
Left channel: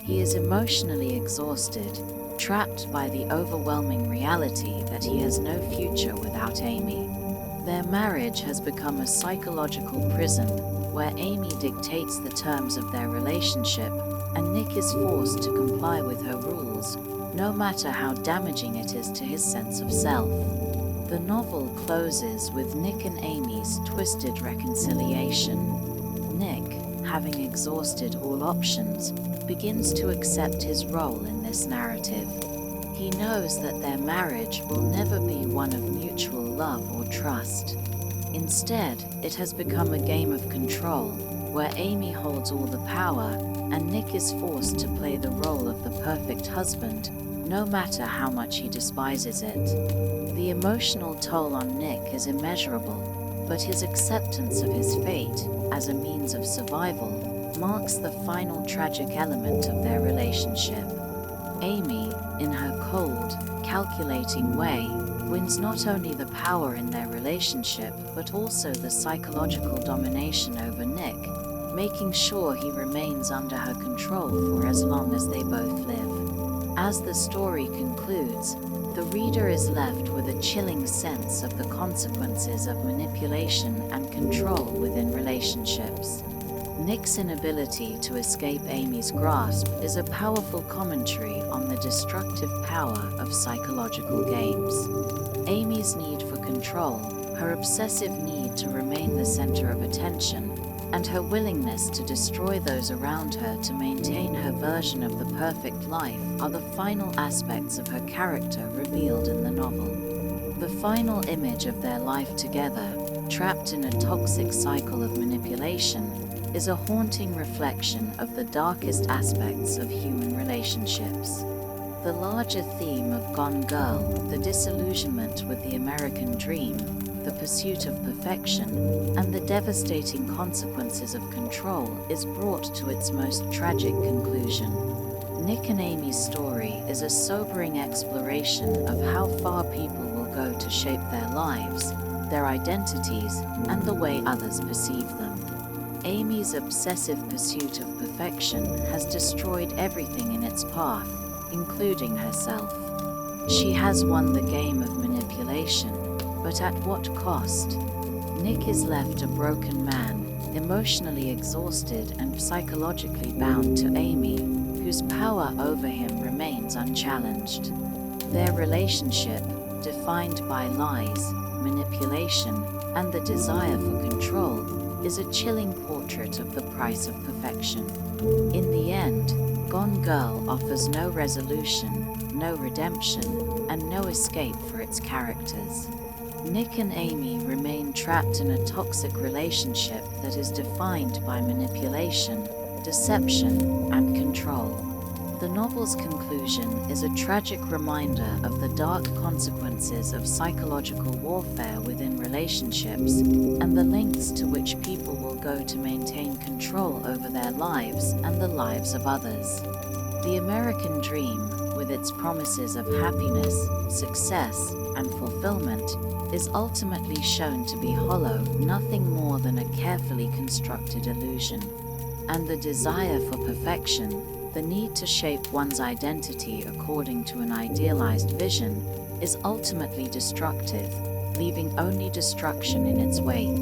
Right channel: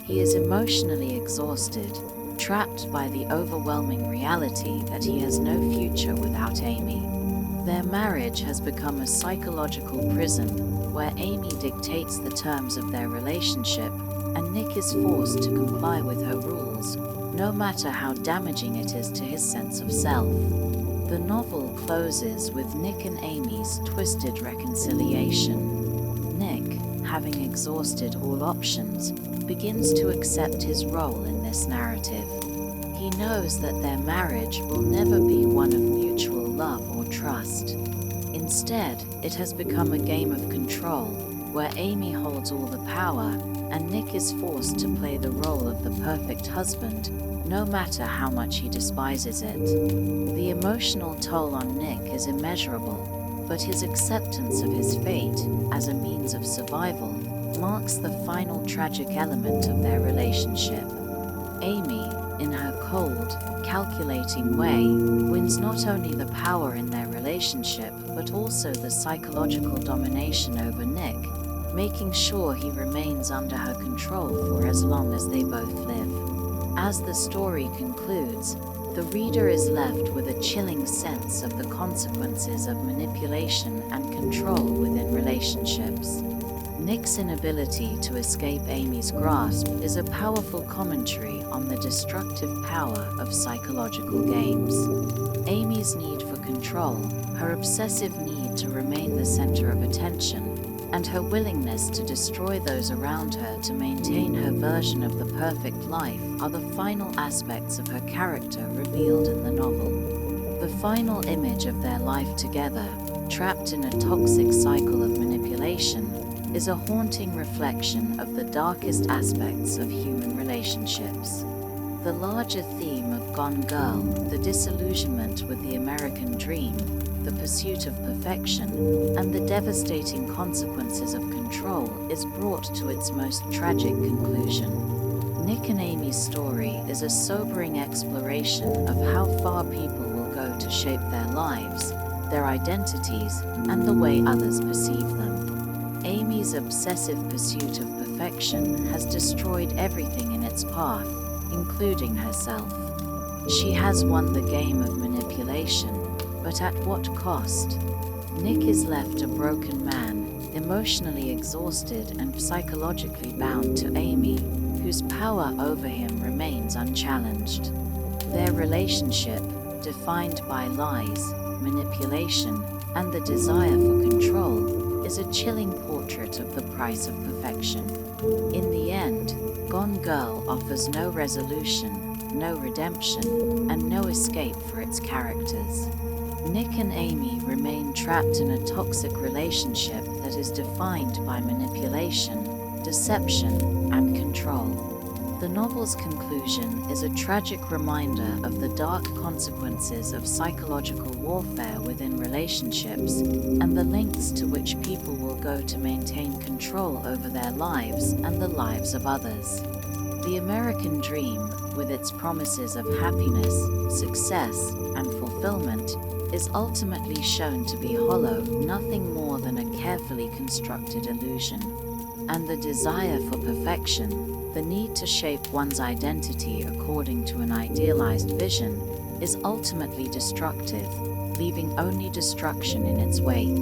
He is emotionally exhausted, trapped by the overwhelming reality that he has no future without Amy. Their marriage has become a psychological prison where Amy dictates the terms of their relationship and Nick is forced to comply with her rules, no matter how damaging it is to his sense of self. The novel closes with Nick and Amy's twisted reconciliation. Nick, having exhausted all options, begins to accept his role in this narrative. He knows that their marriage will never be one of mutual love or trust. Instead, it has become a game of control, where Amy holds all the power and Nick is forced to play the role of the perfect husband, no matter how much he despises it. The emotional toll on Nick is immeasurable, but his acceptance of his fate as a means of survival marks the final tragic element of their relationship. Amy, in her cold, calculating way, wins not only the power in their relationship but also the psychological domination over Nick, making sure he remains under her control for as long as they both live. As the story concludes, the reader is left with a chilling sense of the consequences of manipulation and control within relationships. Nick's inability to escape Amy's grasp is a powerful commentary on the destructive power of psychological games. Amy's need for control, her obsessive need to remain the center of attention, and her willingness to destroy those around her to maintain her version of the perfect life are the final aspects of her character revealed in the novel. The final image of their life together, trapped in a toxic cycle of manipulation, is a haunting reflection of the darkest aspects of human relationships. The larger theme of Gone Girl, the disillusionment with the American dream, the pursuit of perfection, and the devastating consequences of control is brought to its most tragic conclusion. Nick and Amy's story is a sobering exploration of how far people will go to shape their lives, their identities, and the way others perceive them. Amy's obsessive pursuit of perfection has destroyed everything in its path, including herself. She has won the game of manipulation, but at what cost? Nick is left a broken man, emotionally exhausted and psychologically bound to Amy, whose power over him remains unchallenged. Their relationship, defined by lies, manipulation, and the desire for control, is a chilling portrait of the price of perfection. In the end, Gone Girl offers no resolution, no redemption, and no escape for its characters. Nick and Amy remain trapped in a toxic relationship that is defined by manipulation, deception, and control. The novel's conclusion is a tragic reminder of the dark consequences of psychological warfare within relationships and the lengths to which people will go to maintain control over their lives and the lives of others. The American dream, with its promises of happiness, success, and fulfillment, is ultimately shown to be hollow, nothing more than a carefully constructed illusion. And the desire for perfection, the need to shape one's identity according to an idealized vision, is ultimately destructive, leaving only destruction in its wake.